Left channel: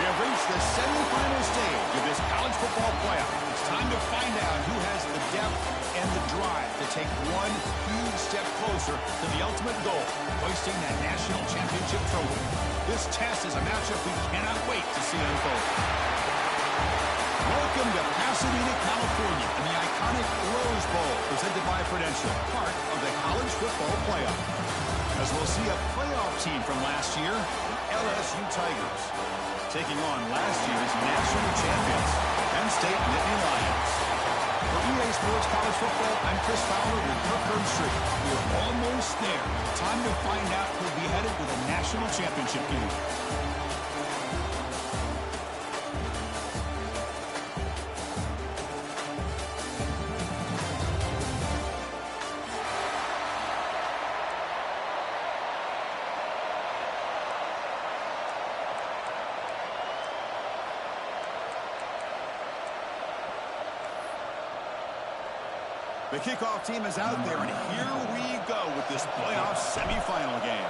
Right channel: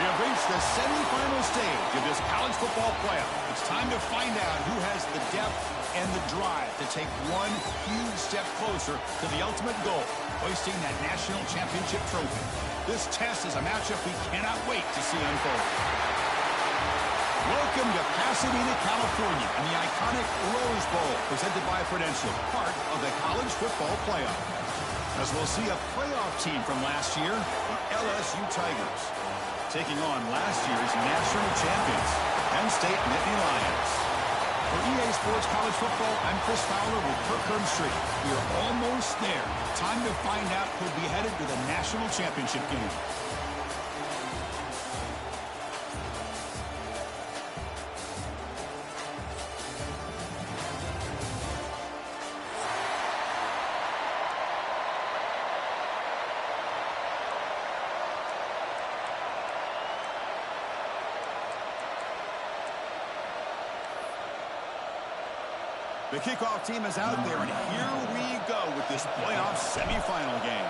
We have reached the semifinal stage of this college football playoff. It's time to find out who has the depth and the drive to take one huge step closer to the ultimate goal, hoisting that national championship trophy. This test is a matchup we cannot wait to see unfold. Welcome to Pasadena, California, and the iconic Rose Bowl, presented by Prudential, part of the college football playoff. As we'll see a playoff team from last year, the LSU Tigers, taking on last year's national champions, Penn State Nittany Lions. For EA Sports College Football, I'm Chris Fowler with Kirk Herbstreit. We are almost there. Time to find out who'll be headed to the national championship game. The kickoff team is out there, and here we go with this playoff semifinal game.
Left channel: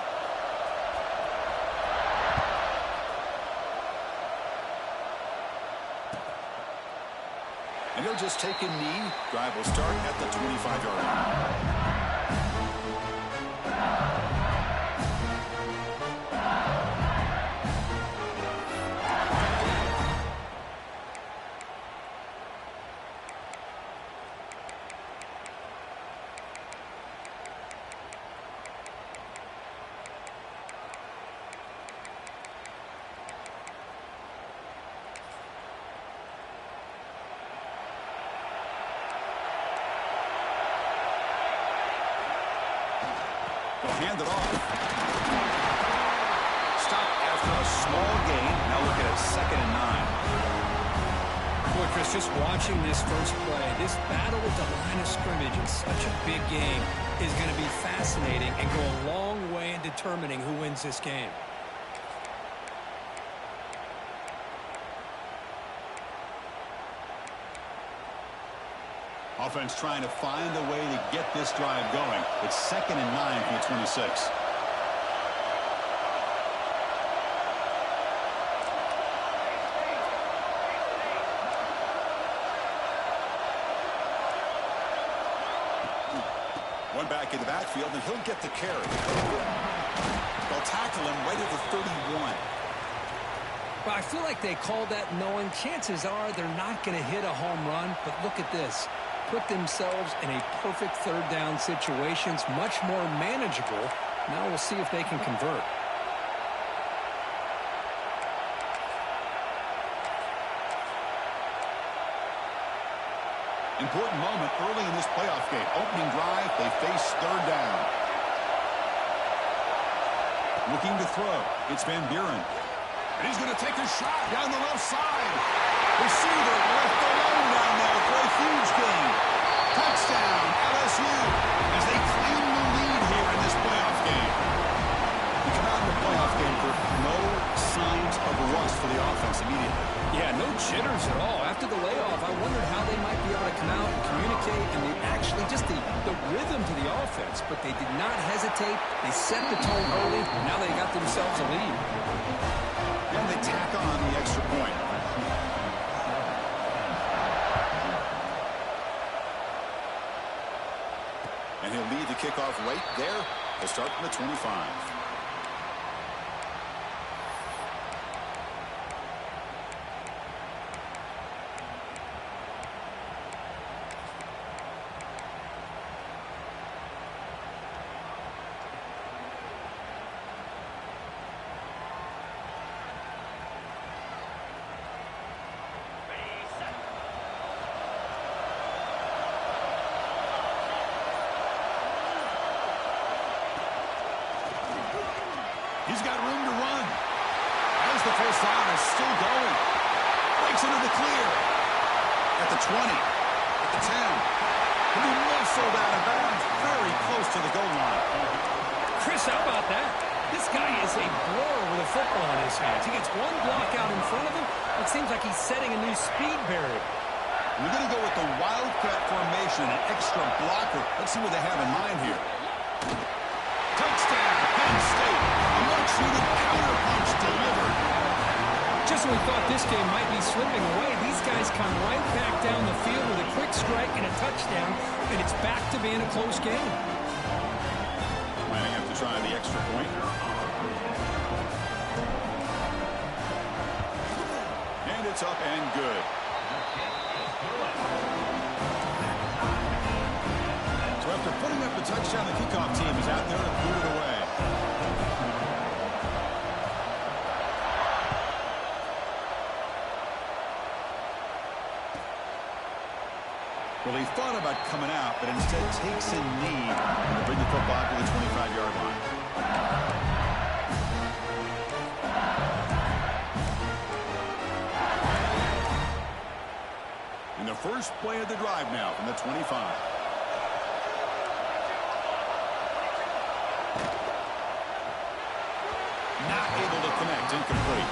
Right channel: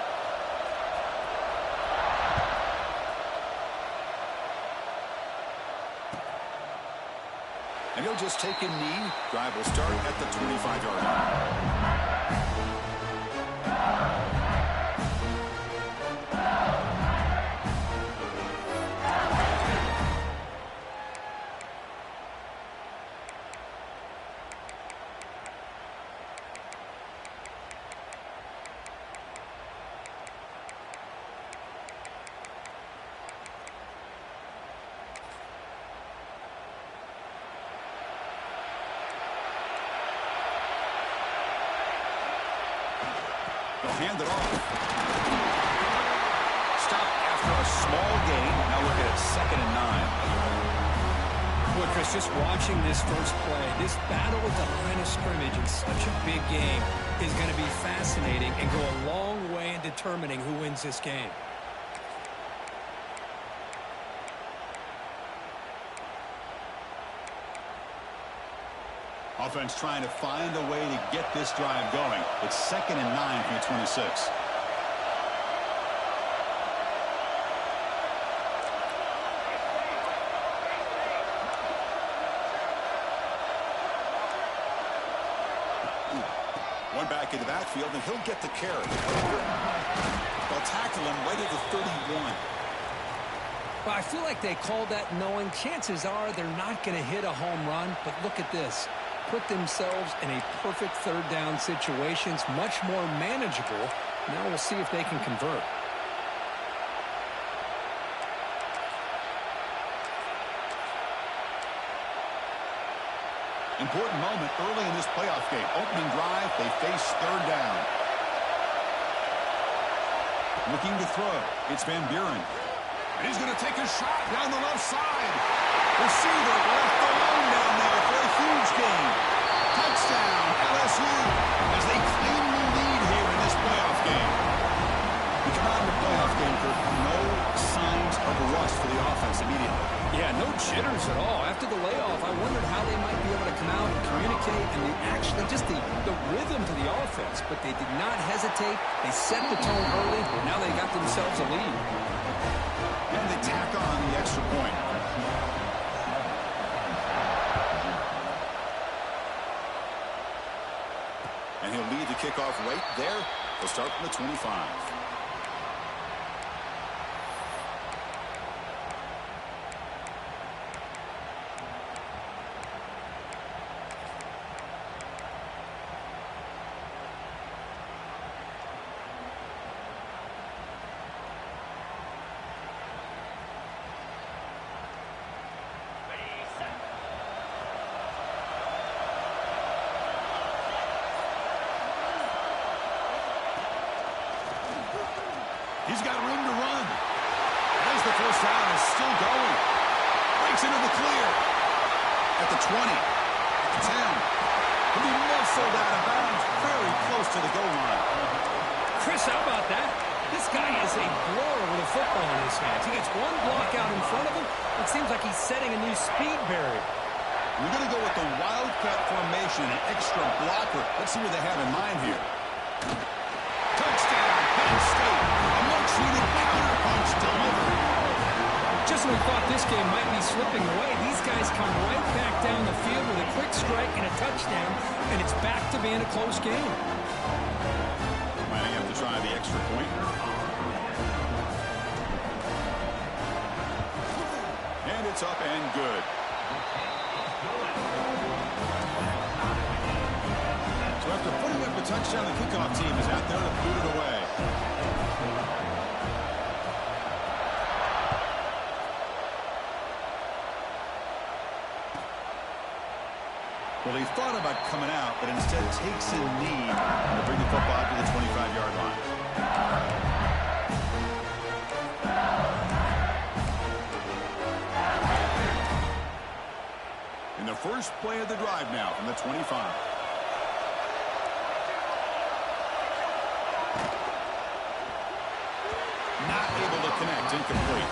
And he'll just take a knee. Drive will start at the 25-yard line. They'll hand it off. Stop after a small gain. Now look at it, 2nd and 9. Boy, Chris, just watching this first play, this battle at the line of scrimmage in such a big game is going to be fascinating and go a long way in determining who wins this game. Offense trying to find a way to get this drive going. It's 2nd and 9 from the 26. One back in the backfield, and he'll get the carry. They'll tackle him right at the 31. Well, I feel like they called that knowing chances are they're not going to hit a home run, but look at this. Put themselves in a perfect third down situations, much more manageable. Now we'll see if they can convert. Important moment early in this playoff game. Opening drive, they face third down. Looking to throw. It's Van Buren. And he's going to take a shot down the left side. Receiver left alone down there for a huge gain. Touchdown, LSU, as they claim the lead here in this playoff game. We come out in the playoff game, Kirk. No signs of rust for the offense immediately. Yeah, no jitters at all. After the layoff, I wondered how they might be able to come out and communicate and actually just the rhythm to the offense. But they did not hesitate. They set the tone early, and now they got themselves a lead. And they tack on the extra point. And he'll lead the kickoff right there. He'll start from the 25. He's got room to run. As the first down is still going. Breaks into the clear. At the 20. At the 10. He'll be muscled out of bounds very close to the goal line. Chris, how about that? This guy is a blower with a football in his hands. He gets one block out in front of him. It seems like he's setting a new speed barrier. We're going to go with the wildcat formation and an extra blocker. Let's see what they have in mind here. Touchdown, Penn State. A much-needed counterpunch delivered. Just when we thought this game might be slipping away, these guys come right back down the field with a quick strike and a touchdown, and it's back to being a close game. Might have to try the extra point. And it's up and good. So after putting up the touchdown, the kickoff team is out there to boot it away. Well, he thought about coming out, but instead takes a knee to bring the football to the 25-yard line. In the first play of the drive now from the 25. Not able to connect, incomplete.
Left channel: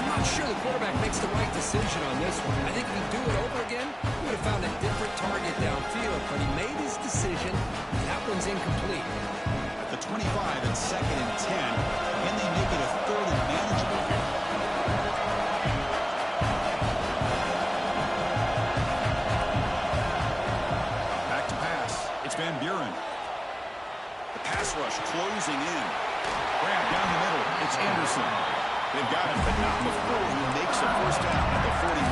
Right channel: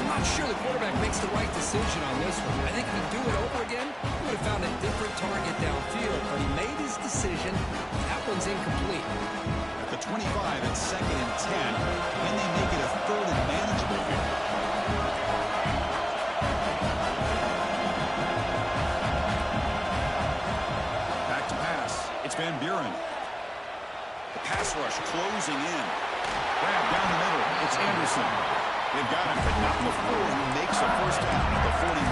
I'm not sure the quarterback makes the right decision on this one. I think if he'd do it over again, he would have found a different target downfield, but he made his decision, and that one's incomplete. At the 25, it's 2nd and 10. Can they make it a 3rd and manageable here? Back to pass. It's Van Buren. The pass rush closing in. Grab down the middle. It's Anderson. They've got him, but not before he makes a first down at the 41.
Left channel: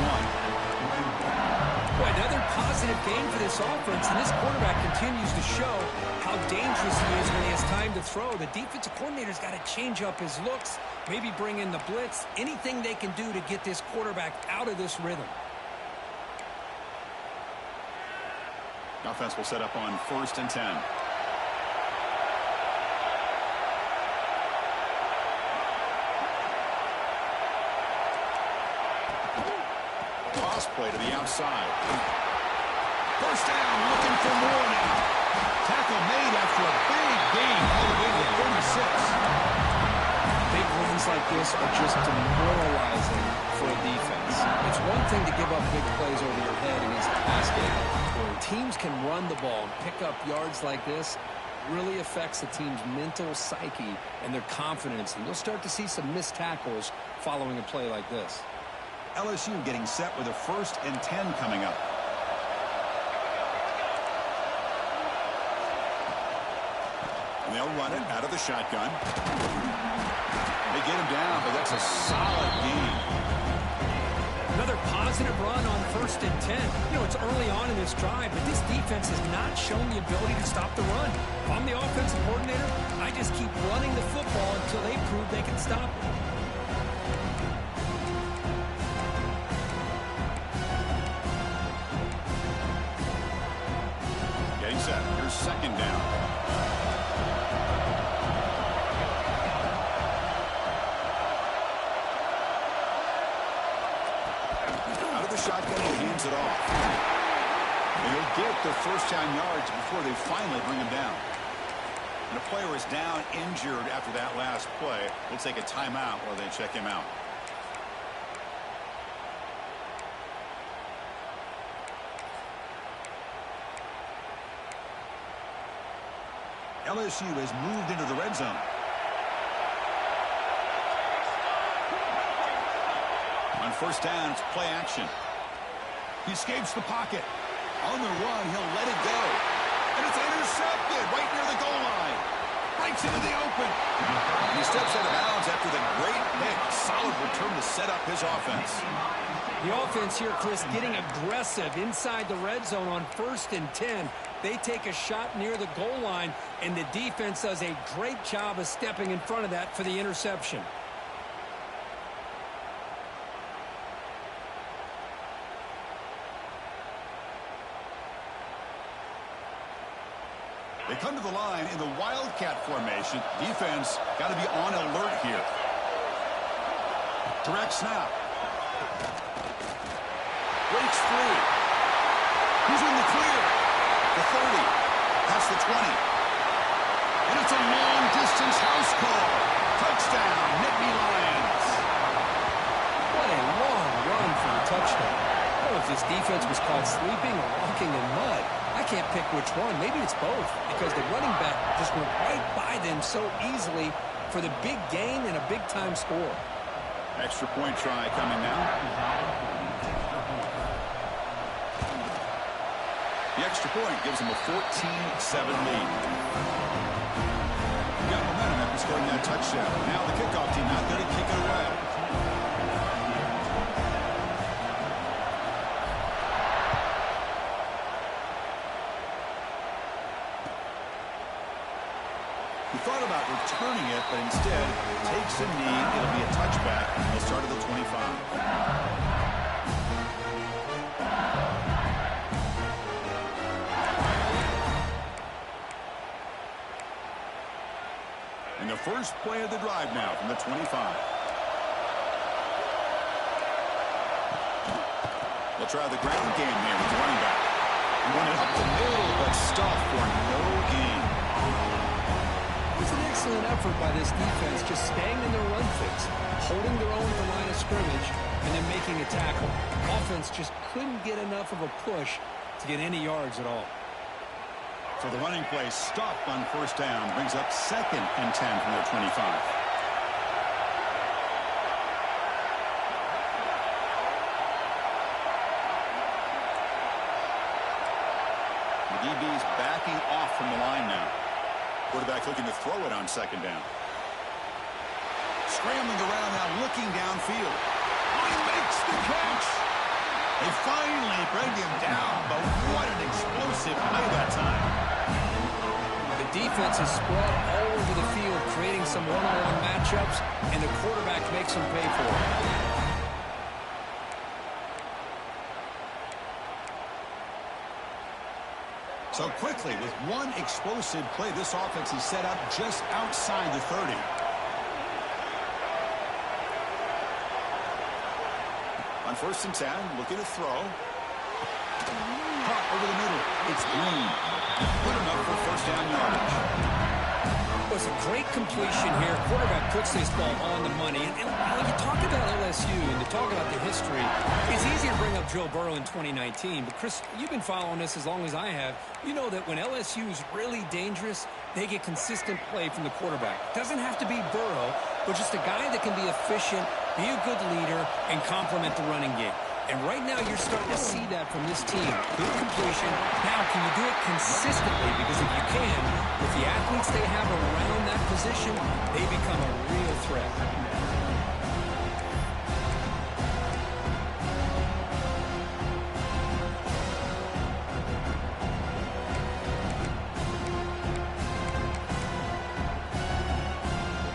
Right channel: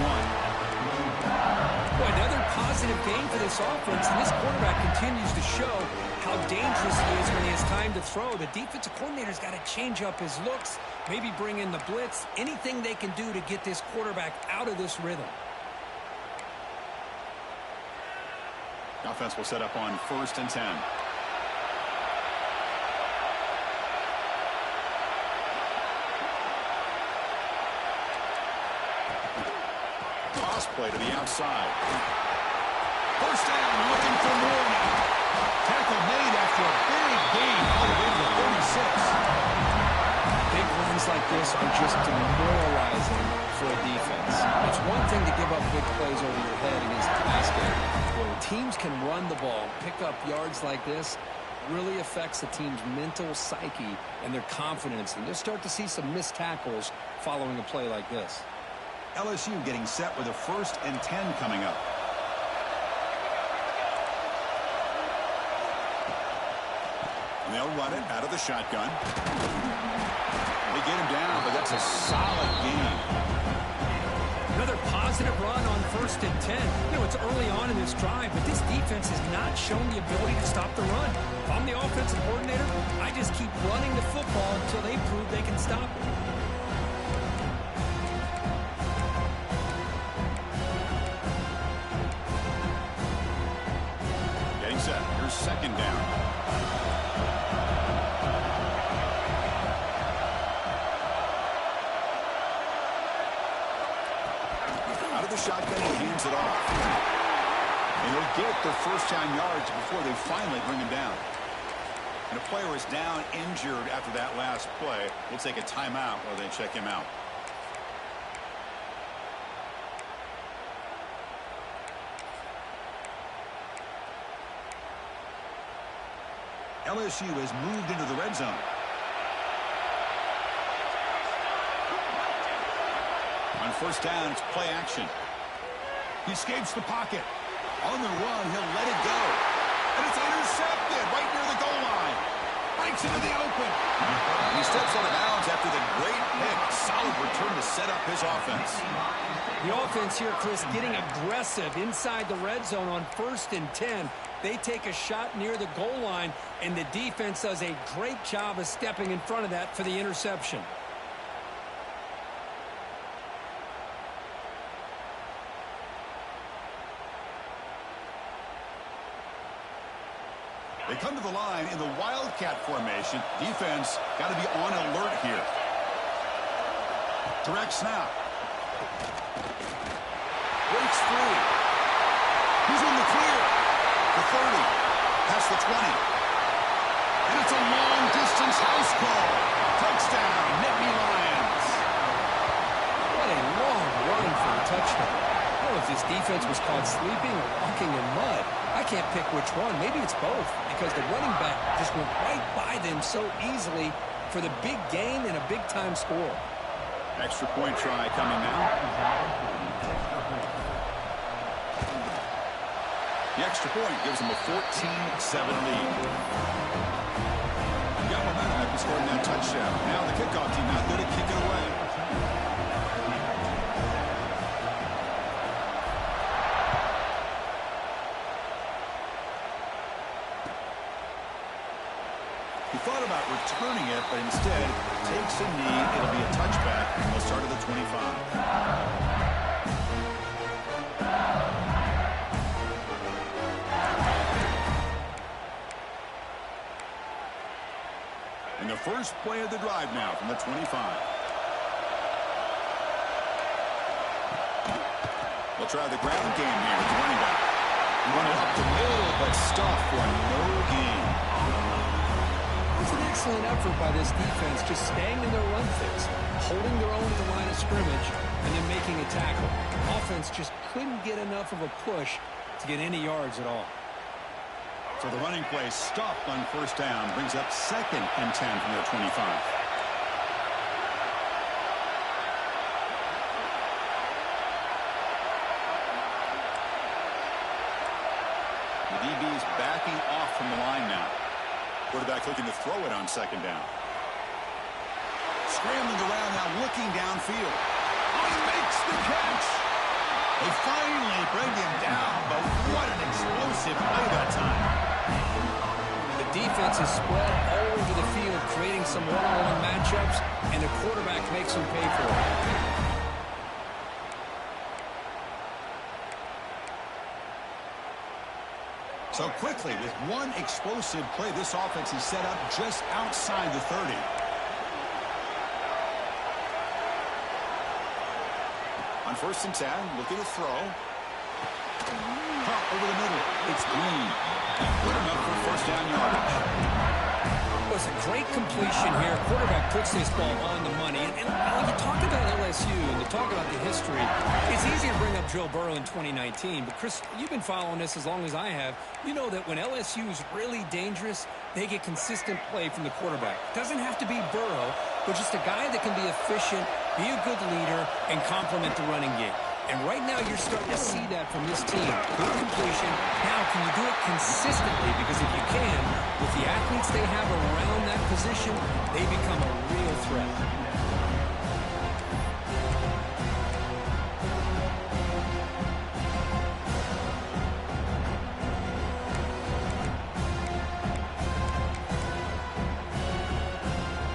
Boy, another positive game for this offense, and this quarterback continues to show how dangerous he is when he has time to throw. The defensive coordinator's got to change up his looks, maybe bring in the blitz, anything they can do to get this quarterback out of this rhythm. The offense will set up on 1st and 10. Play to the outside. First down, looking for more now. Tackle made after a big gain all the way to the 36. Big runs like this are just demoralizing for a defense. It's one thing to give up big plays over your head against the pass game. When teams can run the ball and pick up yards like this, really affects the team's mental psyche and their confidence. And you'll start to see some missed tackles following a play like this. LSU getting set with a 1st and 10 coming up. And they'll run it out of the shotgun. They get him down, but that's a solid gain. Another positive run on 1st and 10. You know, it's early on in this drive, but this defense has not shown the ability to stop the run. If I'm the offensive coordinator, I just keep running the football until they prove they can stop it. Set. Here's 2nd down. Out of the shotgun, he hands it off. And he'll get their 1st down yards before they finally bring him down. And a player is down injured after that last play. We'll take a timeout while they check him out. LSU has moved into the red zone. On 1st down, it's play action. He escapes the pocket. On the run, he'll let it go. And it's intercepted right near the goal line. Breaks into the open. He steps out of bounds after the great pick. Solid return to set up his offense. The offense here, Chris, getting aggressive inside the red zone on 1st and 10. They take a shot near the goal line, and the defense does a great job of stepping in front of that for the interception. They come to the line in the Wildcat formation. Defense got to be on alert here. Direct snap. Breaks free. He's in the clear. The 30. Past the 20. And it's a long-distance house call. Touchdown, Nittany Lions. What a long run for a touchdown. I don't know if this defense was caught sleeping or walking in mud. I can't pick which one. Maybe it's both, because the running back just went right by them so easily for the big gain and a big-time score. Extra point try coming now. The extra point gives them a 14-7 lead. You got momentum after scoring that touchdown. Now the kickoff team out there to kick it away. He thought about returning it, but instead takes a knee. It'll be a touchback, and they'll start at the 25. And the first play of the drive now from the 25. We'll try the ground game here with the running back. Run it up the middle, but stuffed for no gain. It was an excellent effort by this defense, just staying in their run fits, holding their own at the line of scrimmage, and then making a tackle. Offense just couldn't get enough of a push to get any yards at all. So the running play stopped on first down, brings up 2nd and 10 from their 25. The DB's backing off from the line now. Quarterback looking to throw it on 2nd down. Scrambling around now, looking downfield. Oh, he makes the catch. They finally bring him down, but what an explosive play that time. The defense is spread all over the field, creating some one-on-one matchups, and the quarterback makes them pay for it. So quickly, with one explosive play, this offense is set up just outside the 30. On 1st and 10, looking to throw. Pop over the middle. It's Green. Good enough for first down yardage. It was a great completion here. Quarterback puts this ball on the money. And when you talk about LSU and to talk about the history, it's easy to bring up Joe Burrow in 2019. But, Chris, you've been following this as long as I have. You know that when LSU is really dangerous, they get consistent play from the quarterback. Doesn't have to be Burrow, but just a guy that can be efficient, be a good leader, and complement the running game. And right now, you're starting to see that from this team. Good completion. Now, can you do it consistently? Because if you can, with the athletes they have around that position, they become a real threat.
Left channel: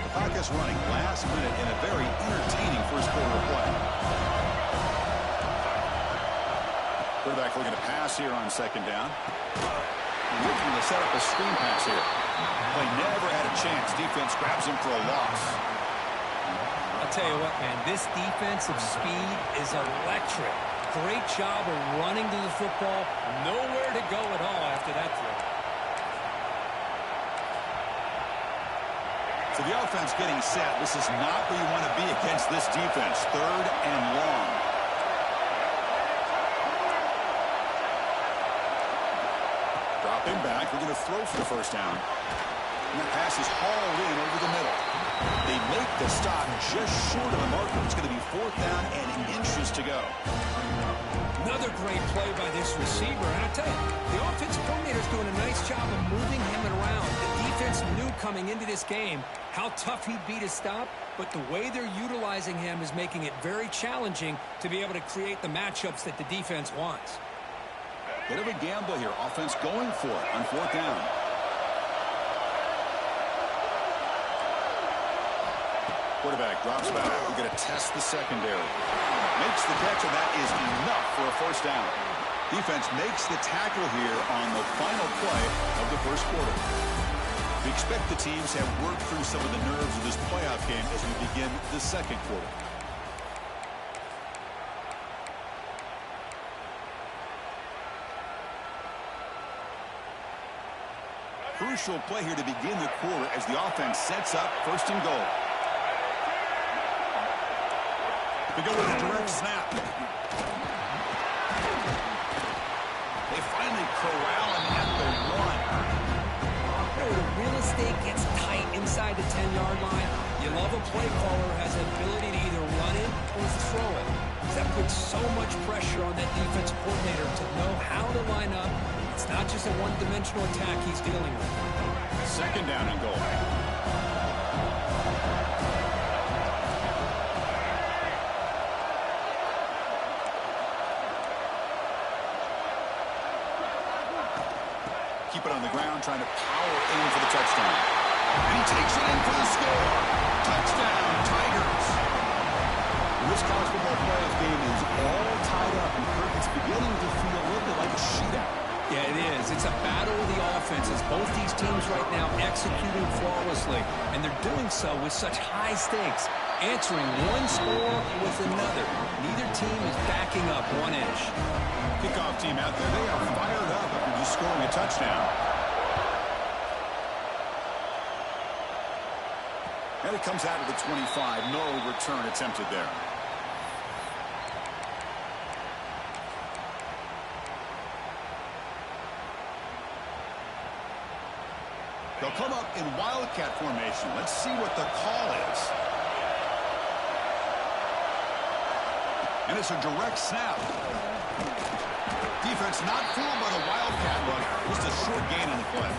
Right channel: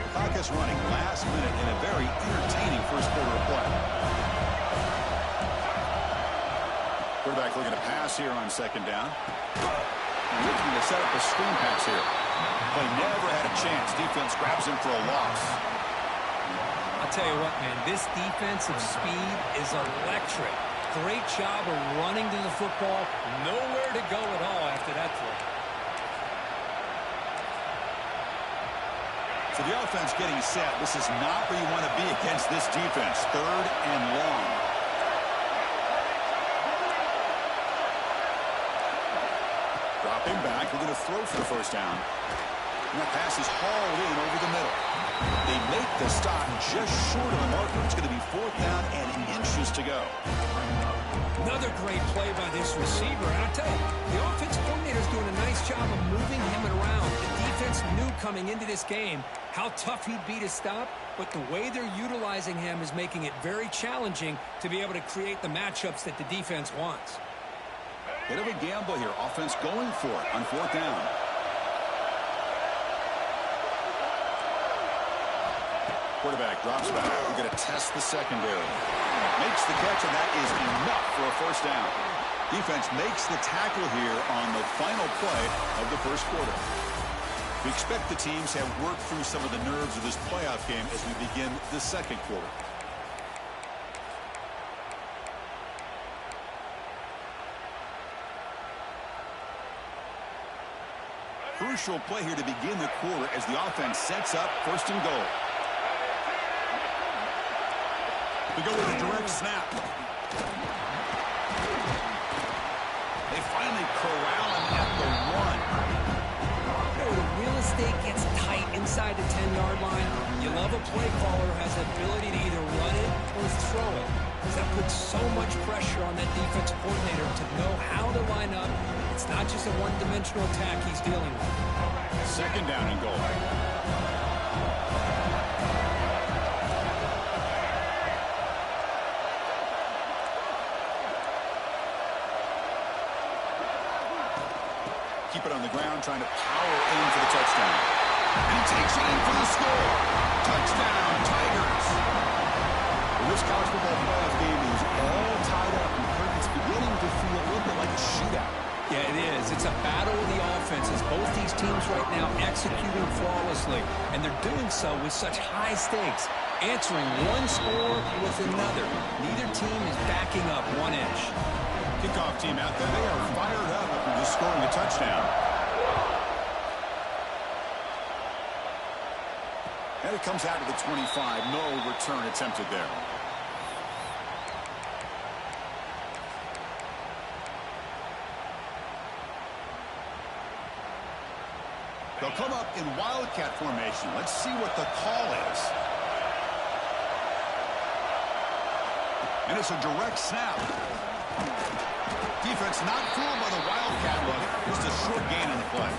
The clock is running last minute in a very entertaining first quarter of play. Quarterback looking to pass here on 2nd down. Looking to set up a screen pass here. Play never had a chance. Defense grabs him for a loss. I'll tell you what, man, this defensive speed is electric. Great job of running to the football. Nowhere to go at all after that throw. So the offense getting set. This is not where you want to be against this defense. 3rd and long. Dropping back, we're going to throw for the first down. And that pass is hauled in over the middle. They make the stop just short of the marker. It's going to be 4th down and inches to go. Another great play by this receiver. And I tell you, the offense coordinator is doing a nice job of moving him around. The defense knew coming into this game how tough he'd be to stop, but the way they're utilizing him is making it very challenging to be able to create the matchups that the defense wants. Bit of a gamble here. Offense going for it on 4th down. Quarterback drops back. We're going to test the secondary. Makes the catch, and that is enough for a first down. Defense makes the tackle here on the final play of the first quarter. We expect the teams have worked through some of the nerves of this playoff game as we begin the second quarter. Crucial play here to begin the quarter as the offense sets up 1st and goal. We go with a direct snap. They finally corral him at the 1. You know, the real estate gets tight inside the 10-yard line. You love a play caller who has the ability to either run or throw it. That puts so much pressure on that defensive coordinator to know how to line up. It's not just a one-dimensional attack he's dealing with. Second down and goal. Keep it on the ground, trying to power in for the touchdown. And he takes it in for the score. Touchdown, Tigers. Well, this college football playoff game is all tied up. And Kirk, it's beginning to feel a little bit like a shootout. Yeah, it is. It's a battle of the offenses. Both these teams right now executing flawlessly. And they're doing so with such high stakes. Answering one score with another. Neither team is backing up one inch. Kickoff team out there. They are fired up after just scoring a touchdown. And it comes out of the 25. No return attempted there. They'll come up in wildcat formation. Let's see what the call is. And it's a direct snap. Defense not fooled by the wildcat look. Just a short gain on the play.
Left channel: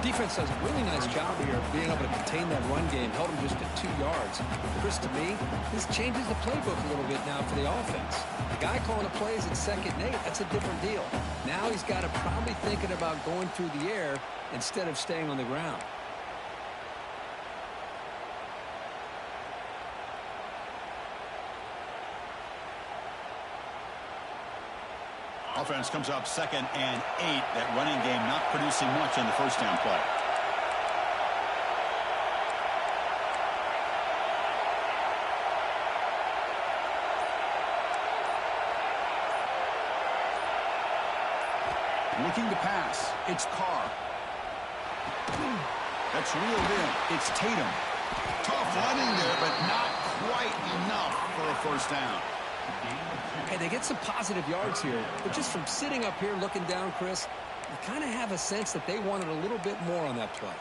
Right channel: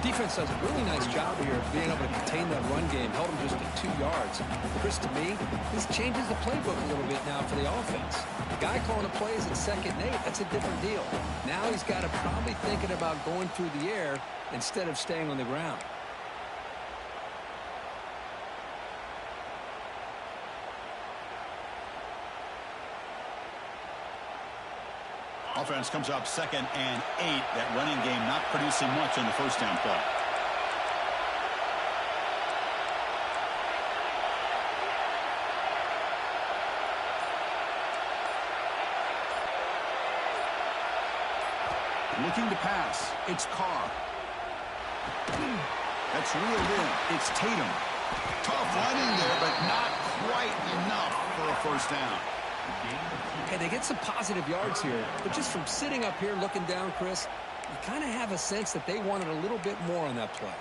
Defense does a really nice job here of being able to contain that run game. Held them just at 2 yards. Chris, to me, this changes the playbook a little bit now for the offense. The guy calling the plays at 2nd and 8, that's a different deal. Now he's got to probably thinking about going through the air instead of staying on the ground. Offense comes up 2nd and 8. That running game not producing much on the first down play. Looking to pass. It's Carr. That's reeled in. It's Tatum. Tough running there, but not quite enough for a first down. Hey, they get some positive yards here, but just from sitting up here looking down, Chris, you kind of have a sense that they wanted a little bit more on that play.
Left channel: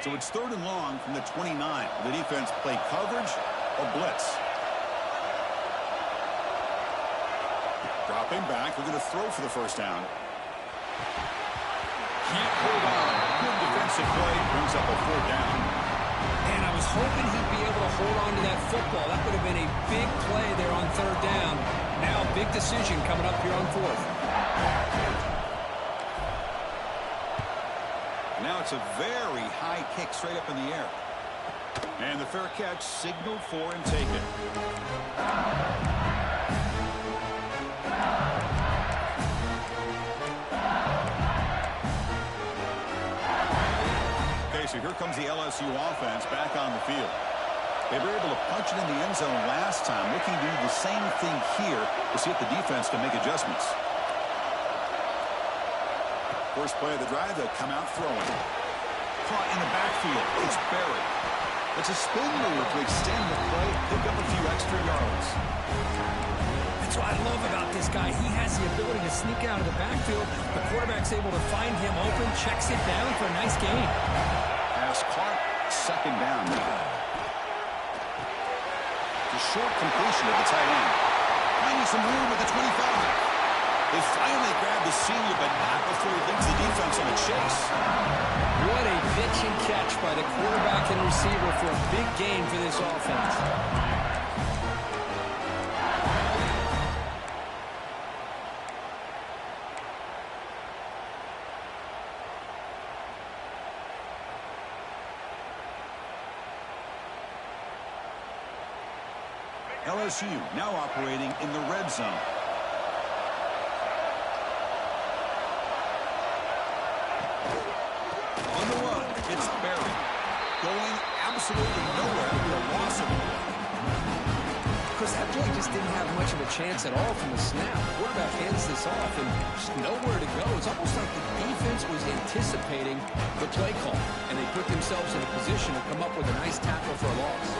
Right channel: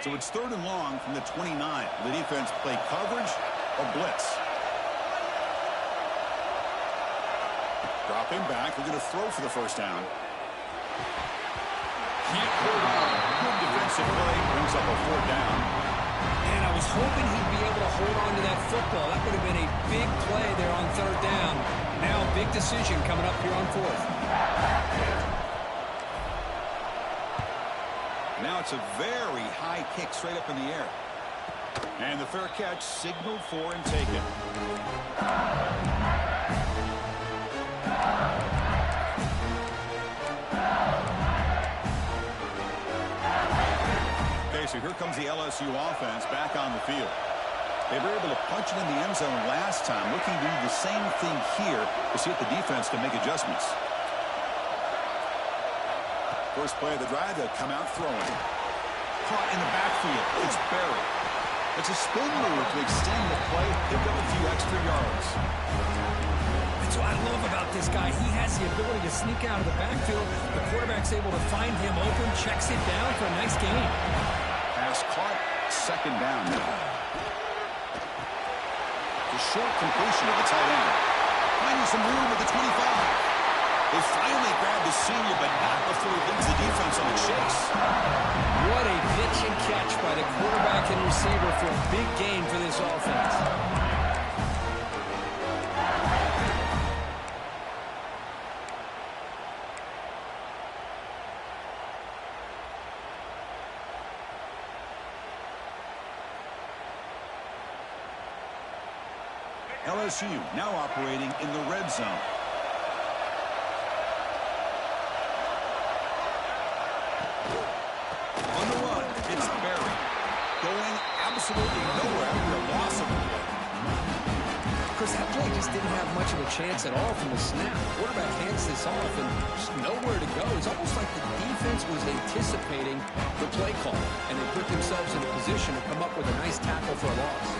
So it's 3rd and long from the 29. The defense play coverage or blitz. Dropping back. They're going to throw for the first down. Can't hold on. Good defensive play. Brings up a 4th down. And I was hoping he'd be able to hold on to that football. That would have been a big play there on 3rd down. Now big decision coming up here on 4th. Now it's a very high kick straight up in the air. And the fair catch signaled for and taken. Okay, so here comes the LSU offense back on the field. They were able to punch it in the end zone last time. Looking to do the same thing here to see if the defense can make adjustments. First play of the drive, they'll come out throwing. Caught in the backfield. It's Berry. It's a spin move to extend the play, pick up a few extra yards. That's what I love about this guy. He has the ability to sneak out of the backfield. The quarterback's able to find him open, checks it down for a nice gain. Pass caught, 2nd down now. The short completion of the tight end. Finding some room at the 25. They finally grabbed the senior, but not before he leads the defense on a chase. What a pitch and catch by the quarterback and receiver for a big gain for this offense. LSU now operating in the red zone. On the run, it's Berry. Going absolutely nowhere after a loss of the play. Chris, that play just didn't have much of a chance at all from the snap. Quarterback hands this off and just nowhere to go. It's almost like the defense was anticipating the play call, and they put themselves in a position to come up with a nice tackle for a loss.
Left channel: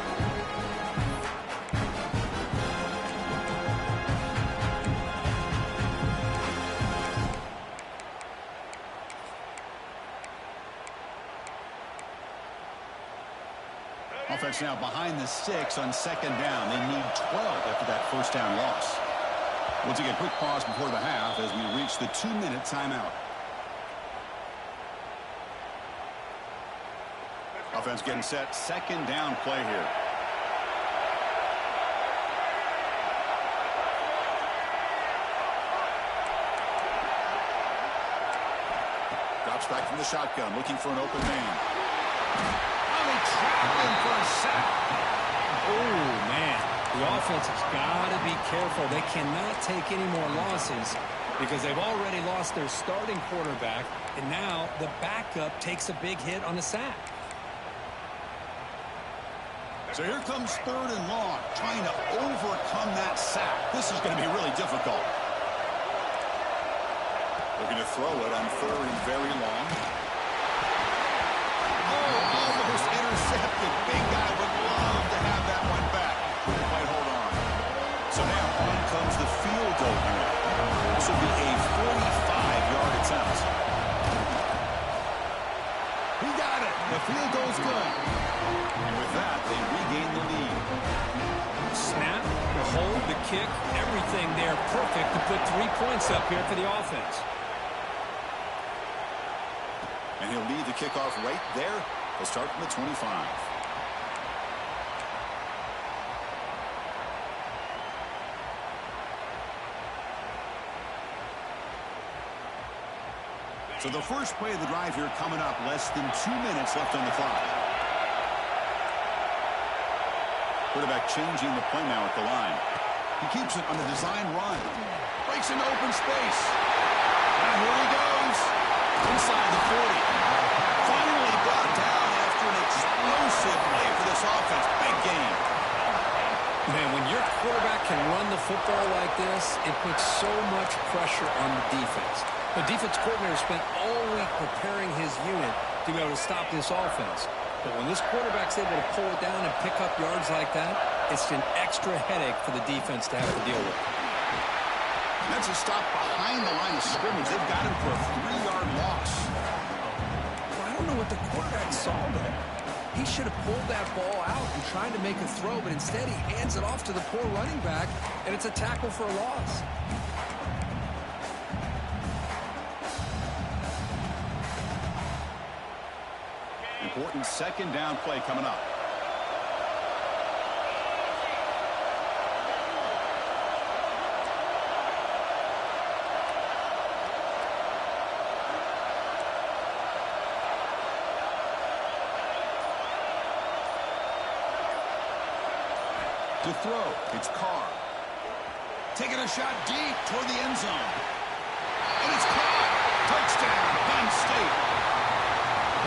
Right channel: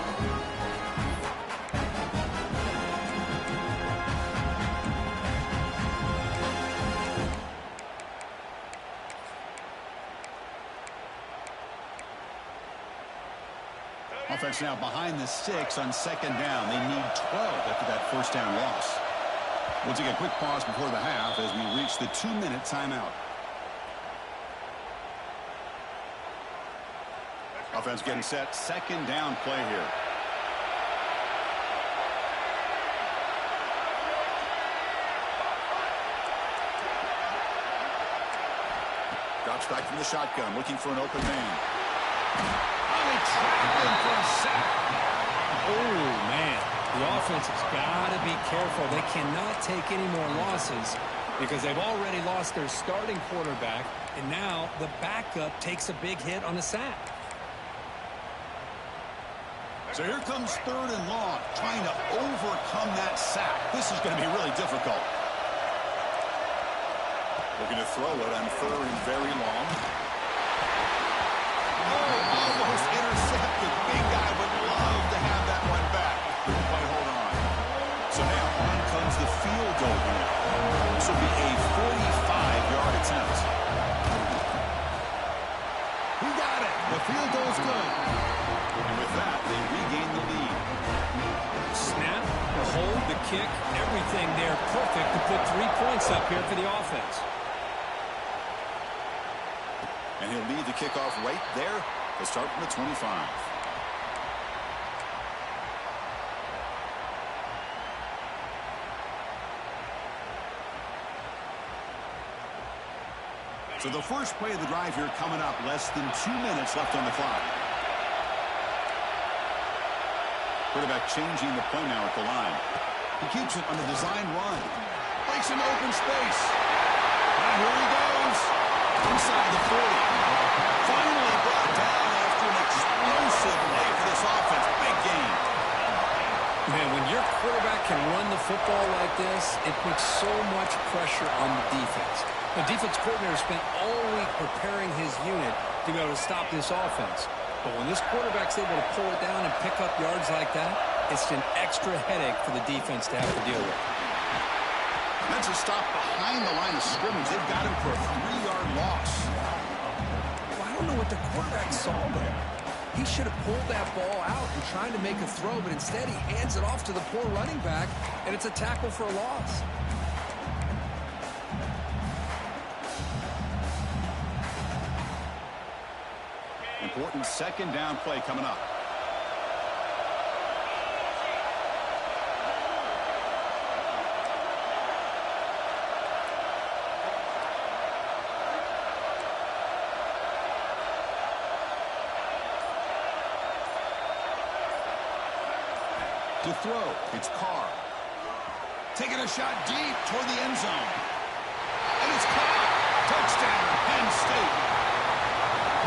Offense now behind the 6 on second down. They need 12 after that first down loss. We'll take a quick pause before the half as we reach the 2-minute timeout. Offense getting set. Second down play here. Drops back from the shotgun, looking for an open man. Oh, they trap him for a sack. Oh, man. The offense has got to be careful. They cannot take any more losses because they've already lost their starting quarterback, and now the backup takes a big hit on a sack. So here comes 3rd and long, trying to overcome that sack. This is going to be really difficult. Looking to throw it on 3rd and very long. Oh, almost intercepted. Big guy would love to have that one back. Couldn't quite hold on. So now on comes the field goal unit. This will be a 45-yard attempt. He got it. The field goal's good. And with that, they regain the lead. Snap, the hold, the kick, everything there perfect to put 3 points up here for the offense. And he'll lead the kickoff right there. They'll start from the 25. So the first play of the drive here coming up. Less than 2 minutes left on the clock. Quarterback changing the play now at the line. He keeps it on the design run. Breaks into open space. Now here he goes. Inside the 40. Finally brought down after an explosive play for this offense. Big game. Man, when your quarterback can run the football like this, it puts so much pressure on the defense. The defense coordinator spent all week preparing his unit to be able to stop this offense. But when this quarterback's able to pull it down and pick up yards like that, it's an extra headache for the defense to have to deal with. That's a stop behind the line of scrimmage. They've got him for a 3-yard loss. Well, I don't know what the quarterback saw there. He should have pulled that ball out and tried to make a throw, but instead he hands it off to the poor running back, and it's a tackle for a loss. Important second down play coming up. To throw, it's Carr. Taking a shot deep toward the end zone. And it's caught. Touchdown, Penn State.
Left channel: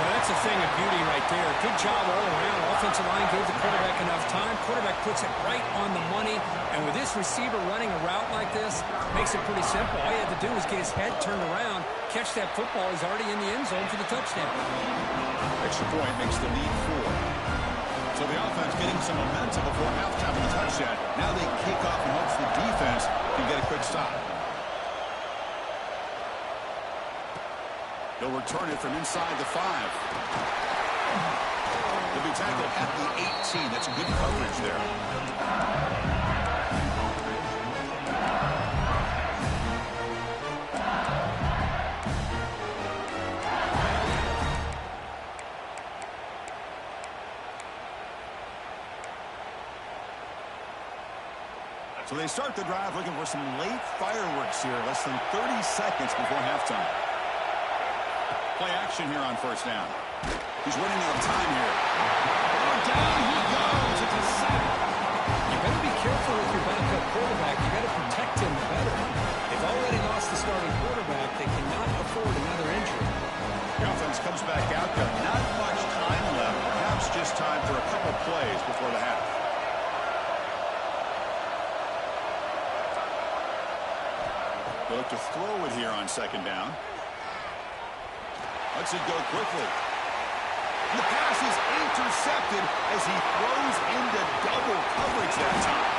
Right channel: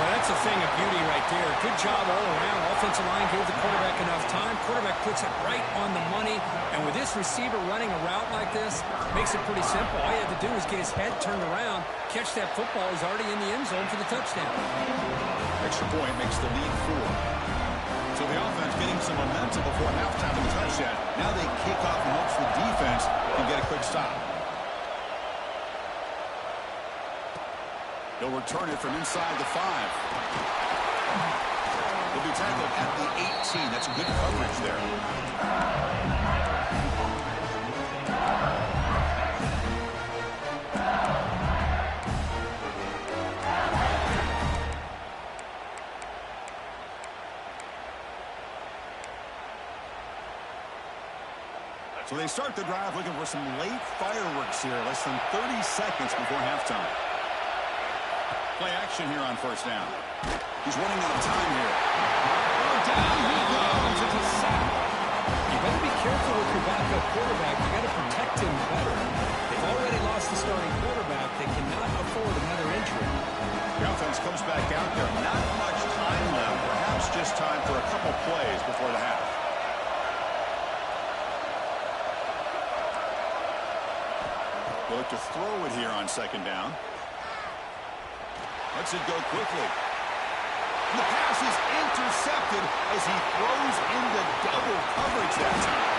Well, that's a thing of beauty right there. Good job all around. Offensive line gave the quarterback enough time. Quarterback puts it right on the money. And with this receiver running a route like this, makes it pretty simple. All you have to do is get his head turned around, catch that football. He's already in the end zone for the touchdown. Extra point makes the lead 4. So the offense getting some momentum before halftime of the touchdown. Now they kick off in hopes the defense can get a quick stop. He'll return it from inside the 5. He'll be tackled at the 18. That's good coverage there. So they start the drive looking for some late fireworks here. Less than 30 seconds before halftime. Play action here on first down. He's running out of time here. Oh, down he goes. It's a sack. You better be careful with your backup quarterback. You got to protect him better. They've already lost the starting quarterback. They cannot afford another injury. The offense comes back out there. Not much time left. Perhaps just time for a couple plays before the half. They look to throw it here on second down. Lets it go quickly. And the pass is intercepted as he throws into double coverage that time.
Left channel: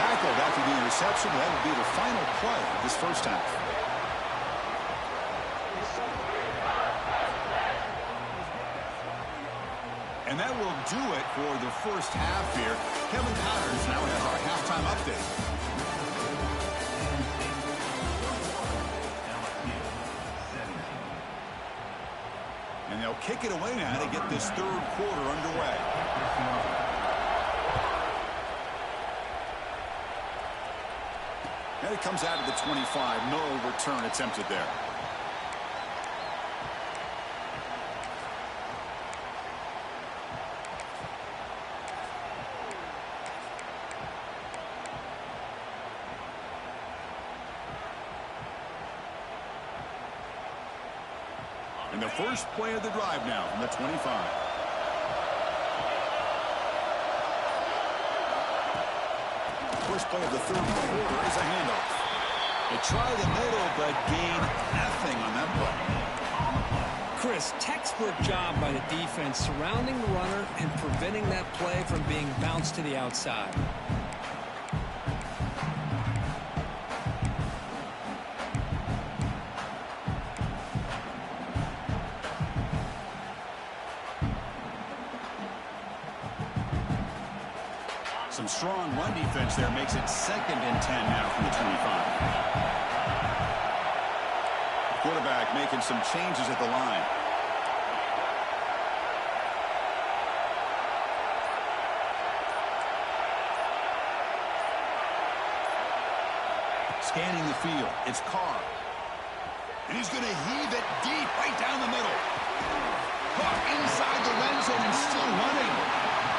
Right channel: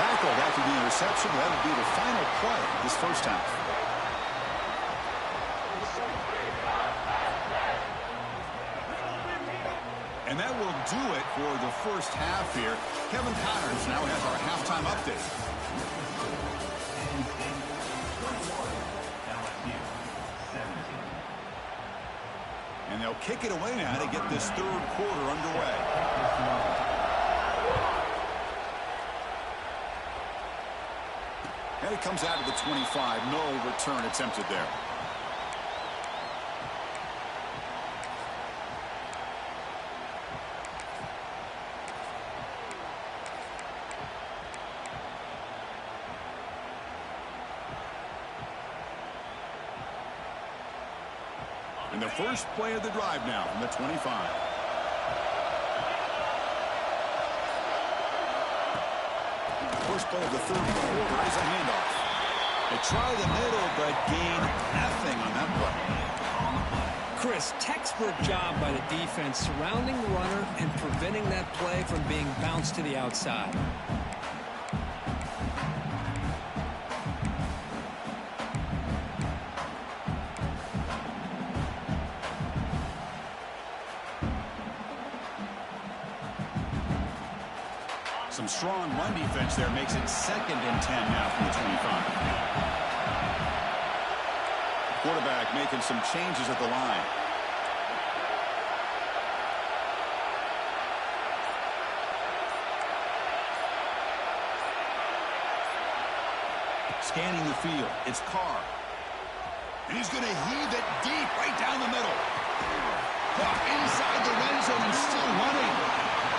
Tackled after the interception. That will be the final play of this first half. And And that will do it for the first half here. Kevin Connors now has our halftime update. And they'll kick it away now to get this third quarter underway. And it comes out of the 25. No return attempted there. And the first play of the drive now from the 25. First play of the third quarter is a handoff. They try the middle, but gain nothing on that play. Chris, textbook job by the defense surrounding the runner and preventing that play from being bounced to the outside. Some strong run defense there makes it 2nd and 10 now from the 25. Quarterback making some changes at the line. Scanning the field, it's Carr. And he's going to heave it deep right down the middle. Caught inside the red zone and still running.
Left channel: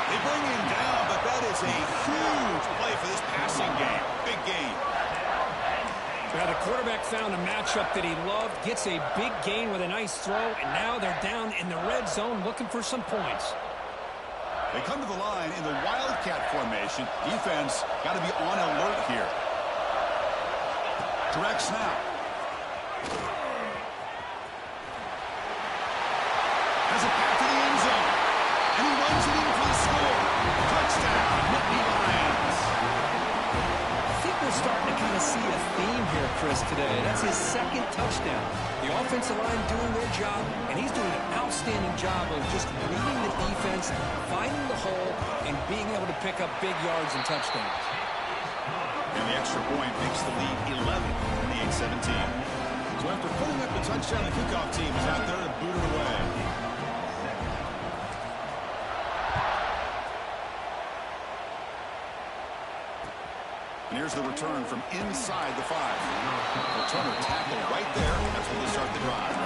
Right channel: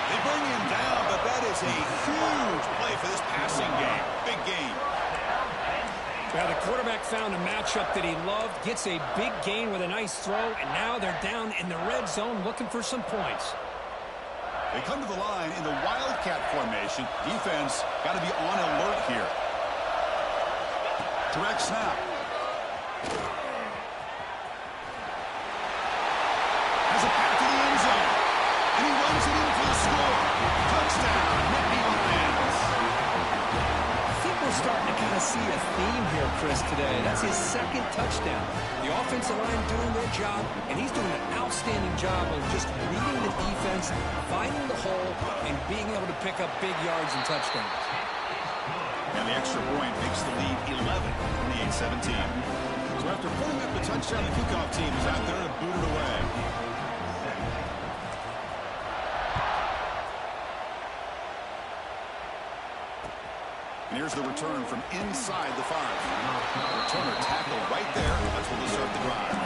They bring him down, but that is a huge play for this passing game. Big gain. Yeah, the quarterback found a matchup that he loved, gets a big gain with a nice throw, and now they're down in the red zone looking for some points. They come to the line in the Wildcat formation. Defense got to be on alert here. Direct snap. Has a pass to the end zone. And he runs it in for the score. Touchdown, Nittany Lions. I think we're starting to kind of see a theme here, Chris, today. That's his 2nd touchdown. The offensive line doing their job, and he's doing an outstanding job of just reading the defense, finding the hole, and being able to pick up big yards and touchdowns. And the extra point makes the lead 11, 28-17. So after pulling up the touchdown, the kickoff team is out there to boot it away. And here's the return from inside the 5. Returner tackle right there. That's where they start the drive.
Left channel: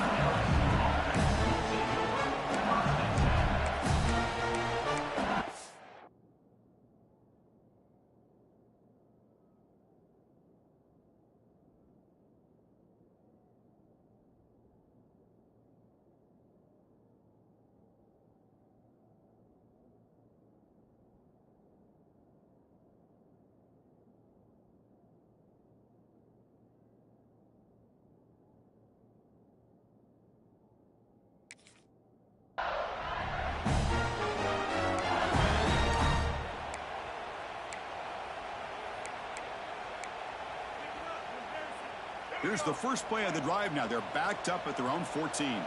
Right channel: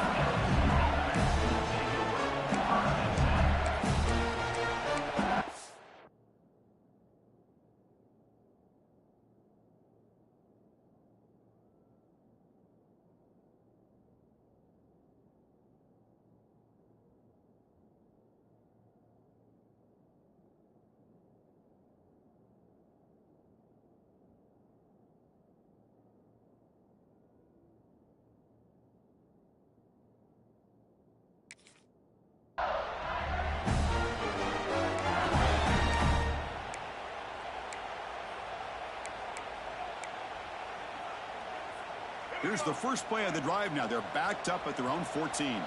Here's the first play of the drive now. They're backed up at their own 14.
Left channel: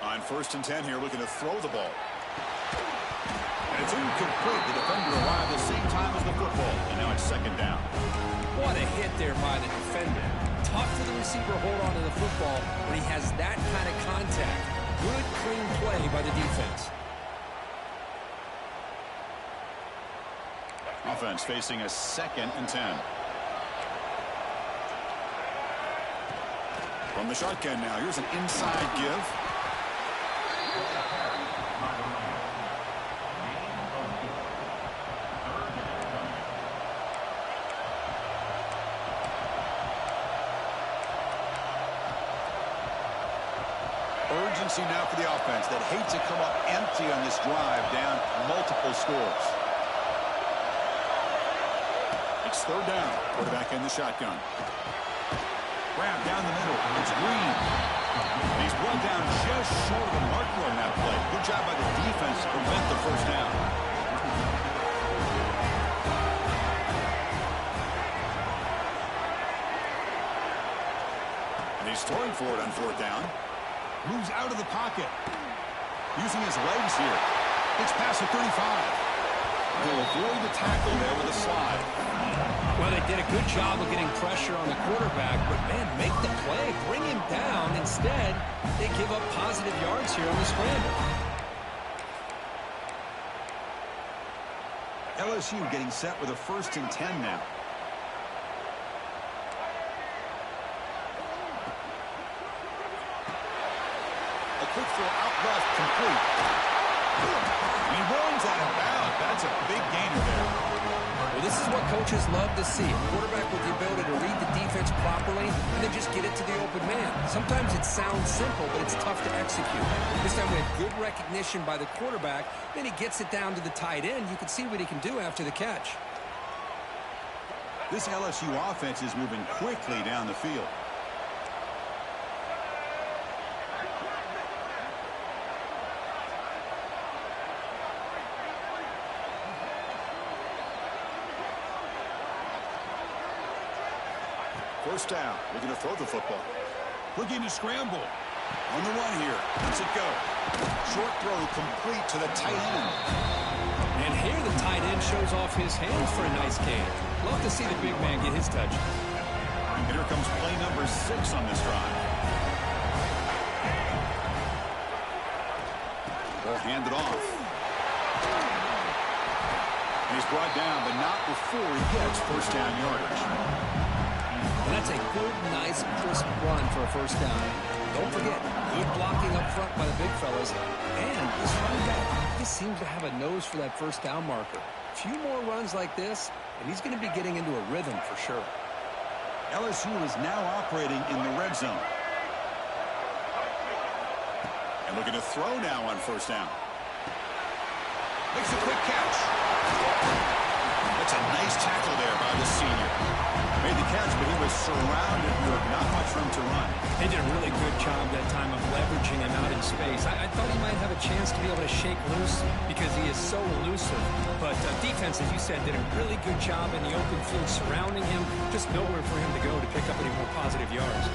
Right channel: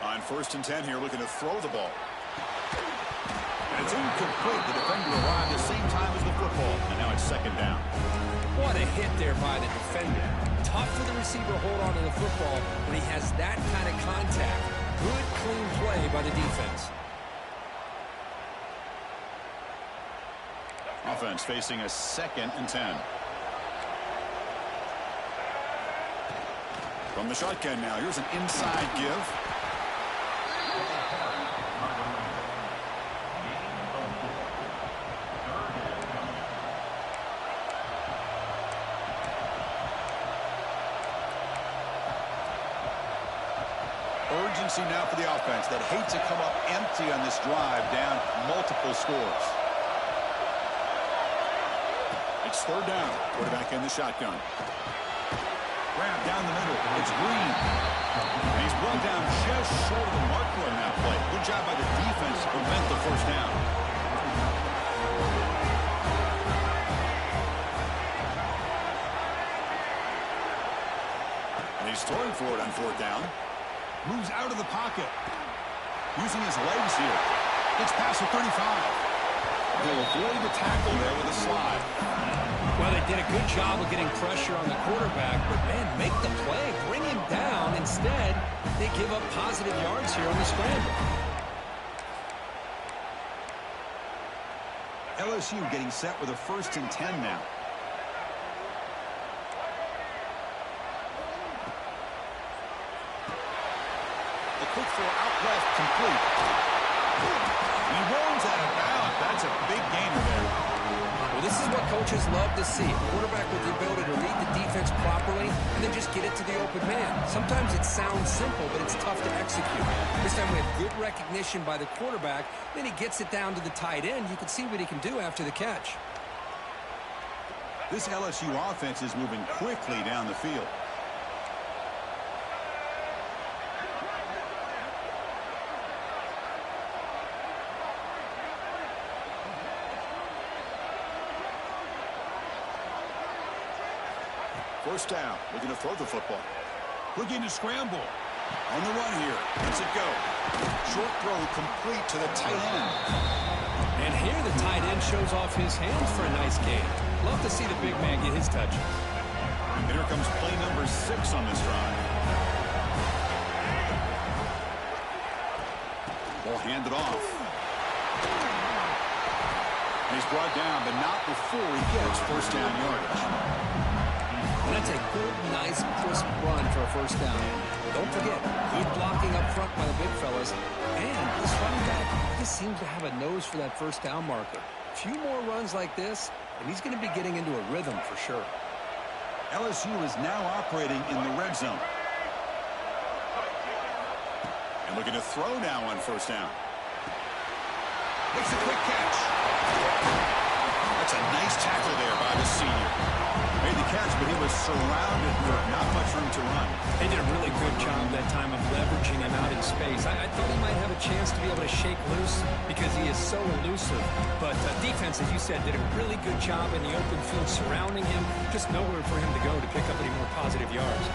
On 1st and 10 here, looking to throw the ball. And it's incomplete. The defender arrived at the same time as the football. And now it's 2nd down. What a hit there by the defender. Tough for the receiver to hold on to the football when he has that kind of contact. Good, clean play by the defense. Offense facing a 2nd and 10. From the shotgun now, here's an inside give. Urgency now for the offense that hate to come up empty on this drive, down multiple scores. It's 3rd down. Quarterback in the shotgun. Grab down the middle. It's Green. And he's brought down just short of the marker on that play. Good job by the defense to prevent the 1st down. And He's throwing for it on 4th down. Moves out of the pocket. Using his legs here. Gets past the 35. They'll avoid the tackle there with a slide. Well, they did a good job of getting pressure on the quarterback, but, man, make the play. Bring him down. Instead, they give up positive yards here on the scramble. LSU getting set with a 1st and 10 now. A quick throw out left, complete. And he rolls out of bounds. That's a big gainer there. Well, this is what coaches love to see. A quarterback with the ability to read the defense properly and then just get it to the open man. Sometimes it sounds simple, but it's tough to execute. This time we have good recognition by the quarterback. Then he gets it down to the tight end. You can see what he can do after the catch. This LSU offense is moving quickly down the field. First down, looking to throw the football. Looking to scramble. On the run here. Lets it go. Short throw complete to the tight end. And here the tight end shows off his hands for a nice gain. Love to see the big man get his touches. And here comes play number 6 on this drive. Ball handed off. And he's brought down, but not before he gets 1st down yardage. And that's a good, nice, crisp run for a 1st down. Don't forget, good blocking up front by the big fellas. And this running back just seems to have a nose for that 1st down marker. A few more runs like this, and he's going to be getting into a rhythm for sure. LSU is now operating in the red zone. And looking to throw now on 1st down. Makes a quick catch. That's a nice tackle there by the senior. Made the catch, but he was surrounded with not much room to run. They did a really good job that time of leveraging him out in space. I thought he might have a chance to be able to shake loose because he is so elusive. But defense, as you said, did a really good job in the open field surrounding him. Just nowhere for him to go to pick up any more positive yards.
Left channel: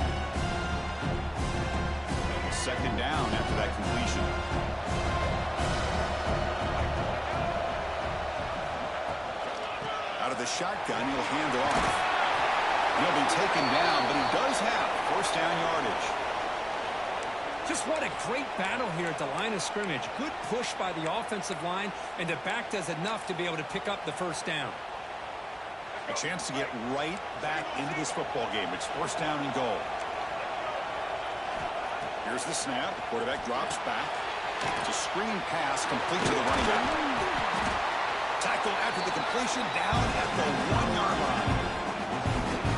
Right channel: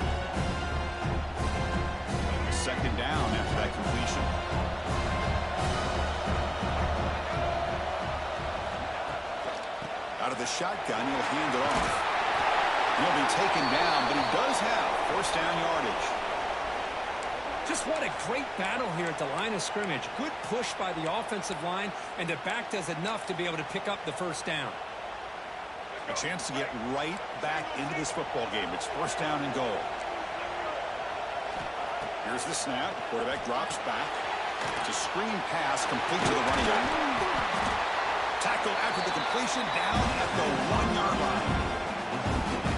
2nd down after that completion. Out of the shotgun, he'll hand it off. He'll be taken down, but he does have 1st down yardage. Just what a great battle here at the line of scrimmage. Good push by the offensive line, and the back does enough to be able to pick up the 1st down. A chance to get right back into this football game. It's 1st down and goal. Here's the snap. The quarterback drops back. It's a screen pass complete to the running back. Tackled after the completion down at the 1-yard line.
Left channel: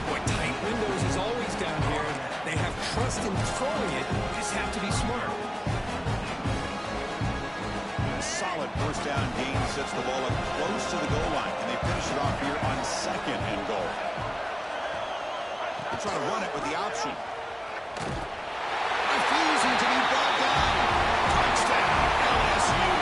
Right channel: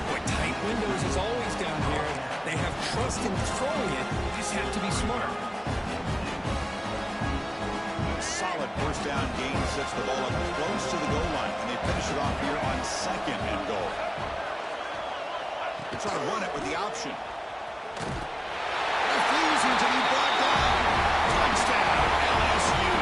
Boy, tight windows is always down here. They have trust in throwing it. You just have to be smart. A solid 1st down gain sets the ball up close to the goal line, and they finish it off here on 2nd and goal. They try to run it with the option. Refusing to be brought down. Touchdown, LSU.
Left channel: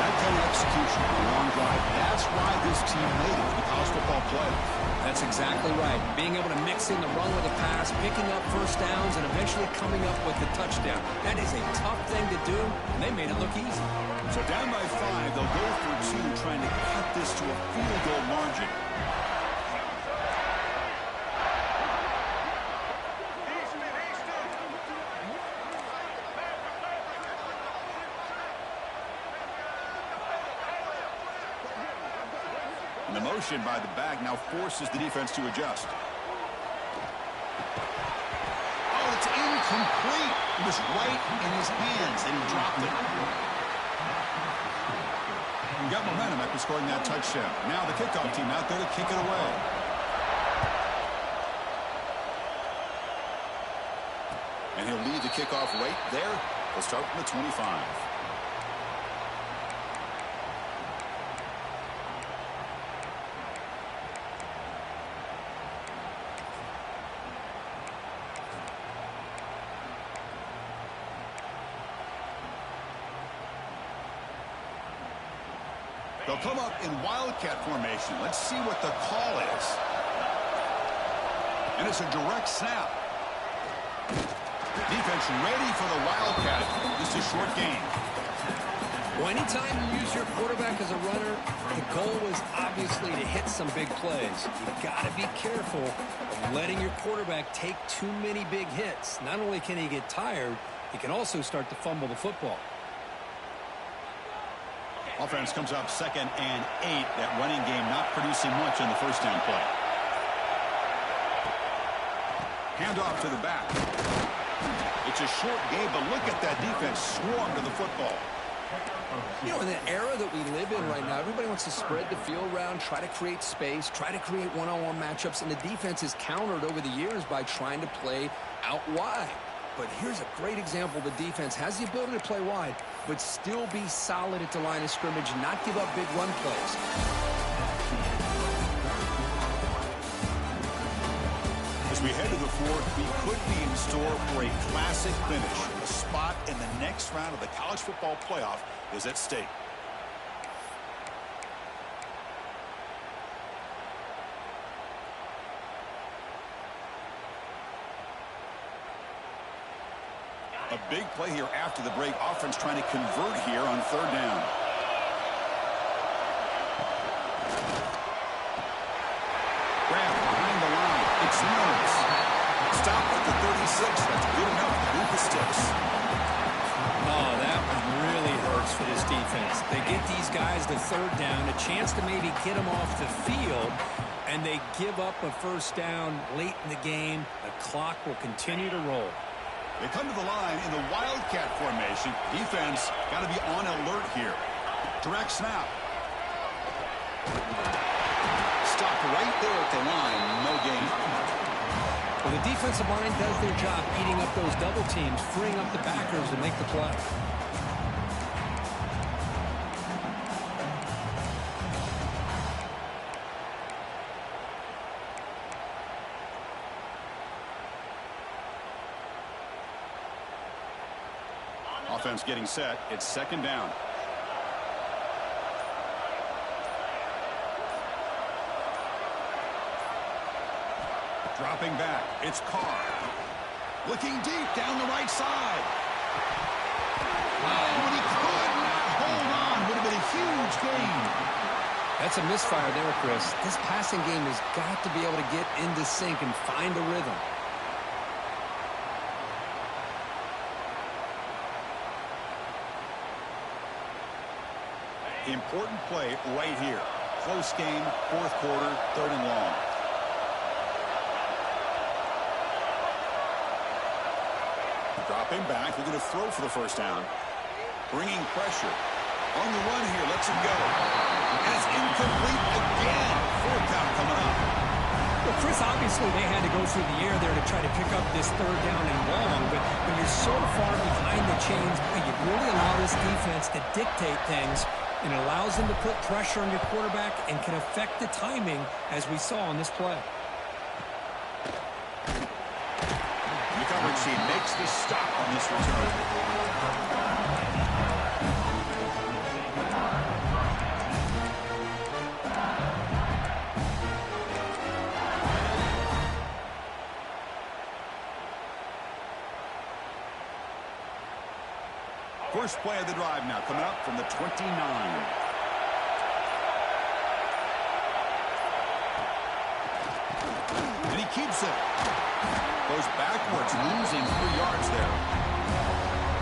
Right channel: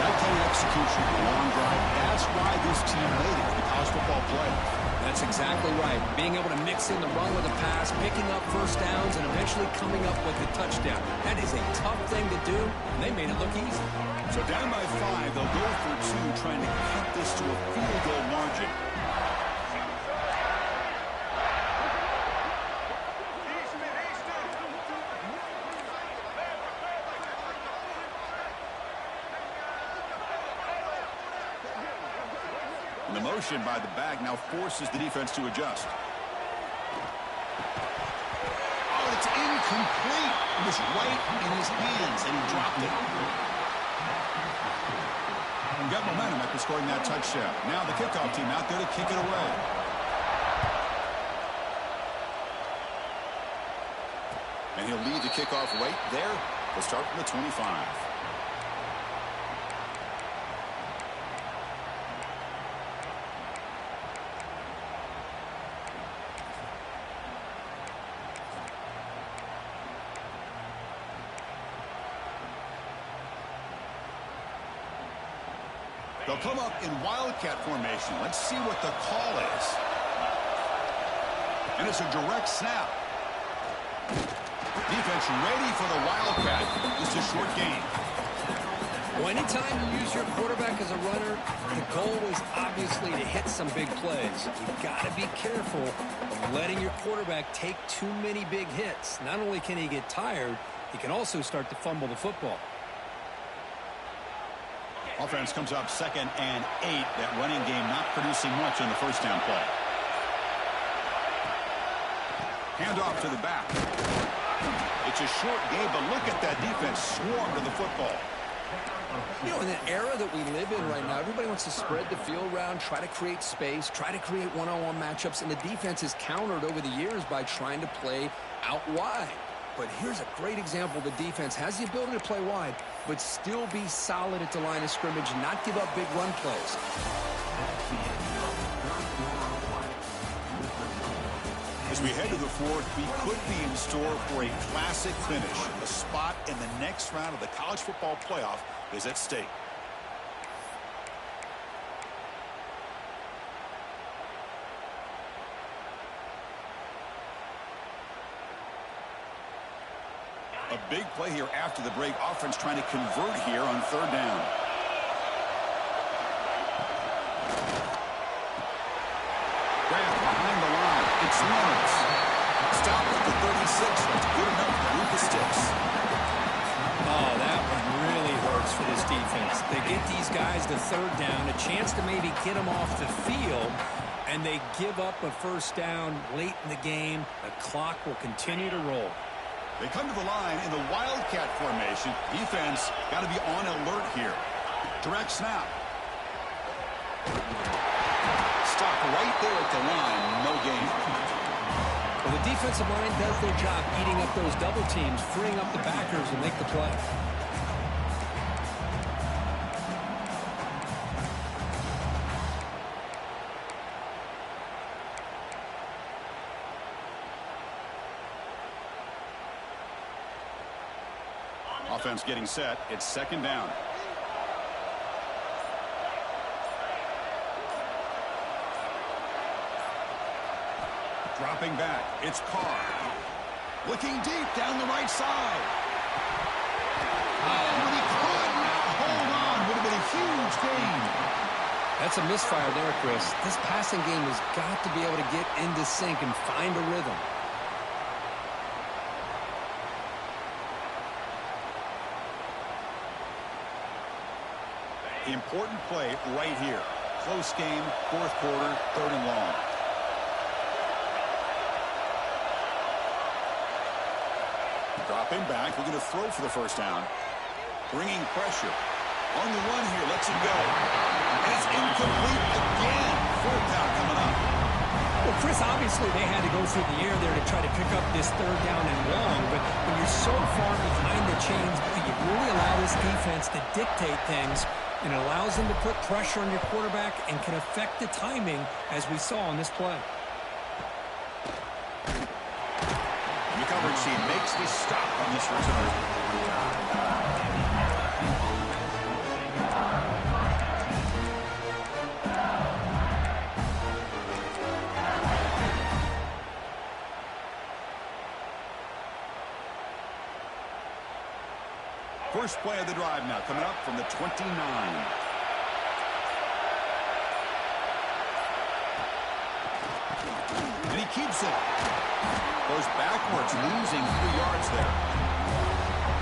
That kind of execution, a long drive, that's why this team made it to the college football playoff. That's exactly right. Being able to mix in the run with a pass, picking up 1st downs, and eventually coming up with the touchdown. That is a tough thing to do, and they made it look easy. So down by 5, they'll go for 2, trying to cut this to a field goal margin. And the motion by the back now forces the defense to adjust. Oh, it's incomplete. It was right in his hands, and he dropped it. He got momentum after scoring that touchdown. Now the kickoff team out there to kick it away. And he'll lead the kickoff right there. They'll start from the 25. They'll come up in wildcat formation. Let's see what the call is. And it's a direct snap. Defense ready for the Wildcat. Just a short gain. Well, anytime you use your quarterback as a runner, the goal is obviously to hit some big plays. You've got to be careful of letting your quarterback take too many big hits. Not only can he get tired, he can also start to fumble the football. Offense comes up 2nd and 8. That running game not producing much on the first down play. Handoff to the back. It's a short game, but look at that defense swarm to the football. You know, in the era that we live in right now, everybody wants to spread the field around, try to create space, try to create one-on-one matchups, and the defense is countered over the years by trying to play out wide. But here's a great example. The defense has the ability to play wide, but still be solid at the line of scrimmage, not give up big run plays. As we head to the fourth, we could be in store for a classic finish. A spot in the next round of the college football playoff is at stake. A big play here after the break. Offense trying to convert here on 3rd down. Grab behind the line. It's Lawrence. Stopped at the 36. That's good enough to move the sticks. Oh, that one really hurts for this defense. They get these guys to 3rd down, a chance to maybe get them off the field, and they give up a 1st down late in the game. The clock will continue to roll. They come to the line in the Wildcat formation. Defense got to be on alert here. Direct snap. Stop right there at the line. No gain. Well, the defensive line does their job eating up those double teams, freeing up the backers to make the play. Offense getting set. It's 2nd down. Dropping back. It's Carr. Looking deep down the right side. Oh, but he could not hold on. Would have been a huge gain. That's a misfire there, Chris. This passing game has got to be able to get into sync and find a rhythm. Important play right here. Close game, 4th quarter, 3rd and long. Dropping back, looking to throw for the 1st down. Bringing pressure. On the run here, lets it go. And it's incomplete again. 4th down coming up. Well, Chris, obviously they had to go through the air there to try to pick up this 3rd down and long, but when you're so far behind the chains, you really allow this defense to dictate things, and it allows them to put pressure on your quarterback and can affect the timing, as we saw on this play. The coverage team makes the stop on this return. First play of the drive now coming up from the 29. And he keeps it. Goes backwards, losing 3 yards there.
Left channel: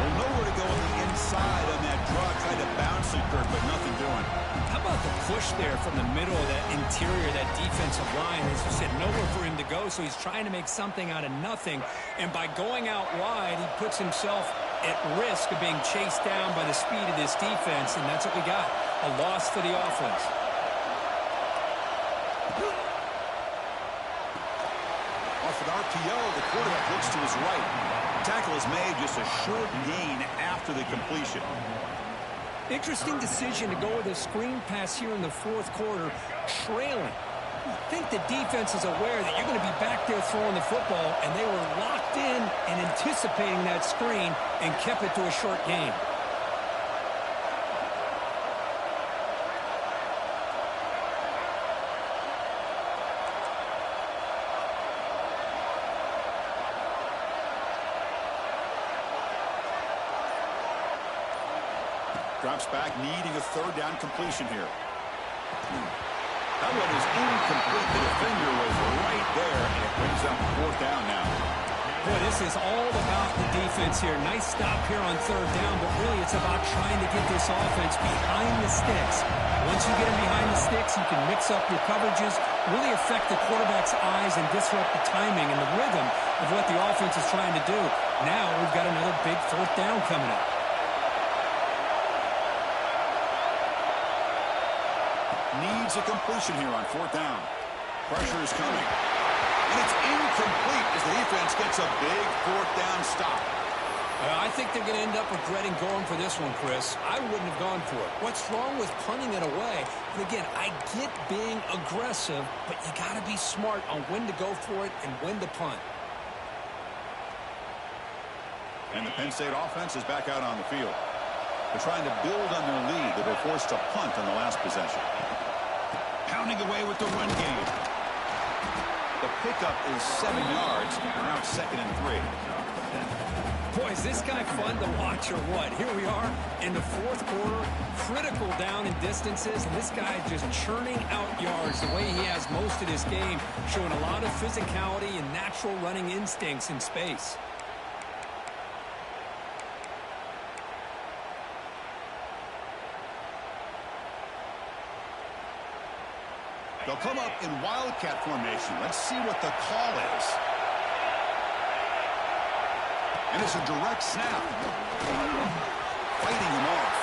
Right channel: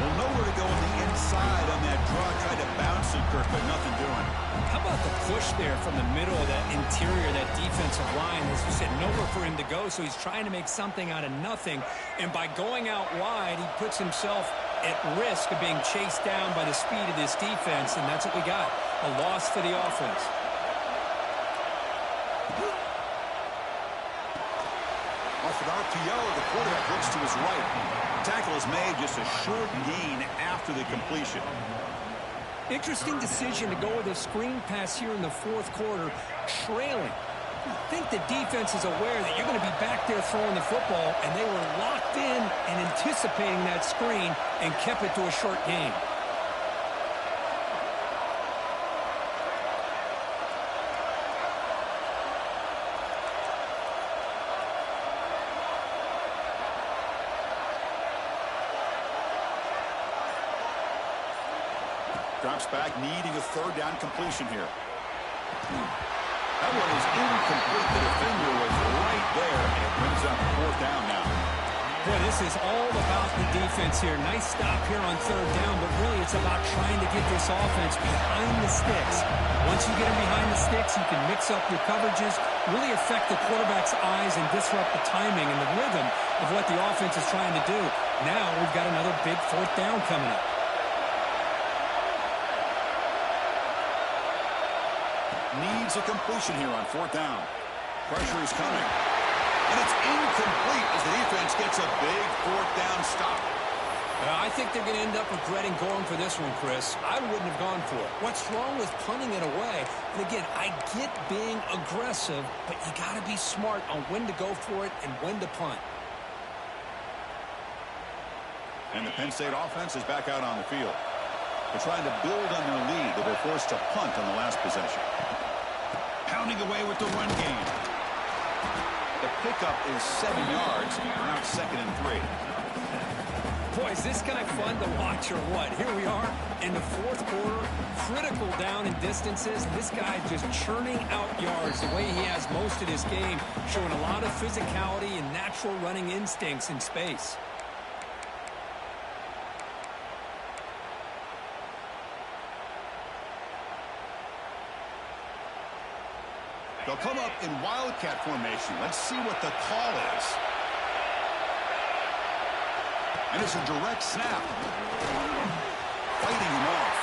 Well, nowhere to go on the inside on that draw. Tried to bounce it, Kirk, but nothing doing. How about the push there from the middle of that interior, that defensive line? As you said, nowhere for him to go, so he's trying to make something out of nothing. And by going out wide, he puts himself at risk of being chased down by the speed of this defense, and that's what we got. A loss for the offense. Off an RPO, the quarterback looks to his right. Tackle is made, just a short gain after the completion. Interesting decision to go with a screen pass here in the 4th quarter, trailing. I think the defense is aware that you're going to be back there throwing the football, and they were locked in and anticipating that screen and kept it to a short gain. Drops back, needing a third down completion here. That one is incomplete. The defender was right there, and it brings up fourth down now. Boy, this is all about the defense here. Nice stop here on third down, but really it's about trying to get this offense behind the sticks. Once you get them behind the sticks, you can mix up your coverages, really affect the quarterback's eyes, and disrupt the timing and the rhythm of what the offense is trying to do. Now we've got another big fourth down coming up. Needs a completion here on fourth down. Pressure is coming. And it's incomplete as the defense gets a big fourth down stop. I think they're going to end up regretting going for this one, Chris. I wouldn't have gone for it. What's wrong with punting it away? And again, I get being aggressive, but you got to be smart on when to go for it and when to punt. And the Penn State offense is back out on the field. They're trying to build on their lead. They were forced to punt on the last possession. Pounding away with the run game. The pickup is 7 yards. Now it's 2nd and 3. Boy, is this guy fun to watch or what? Here we are in the fourth quarter, critical down in distances, and this guy just churning out yards the way he has most of this game, showing a lot of physicality and natural running instincts in space. They'll come up in wildcat formation. Let's see what the call is. And it's a direct snap. Fighting him off.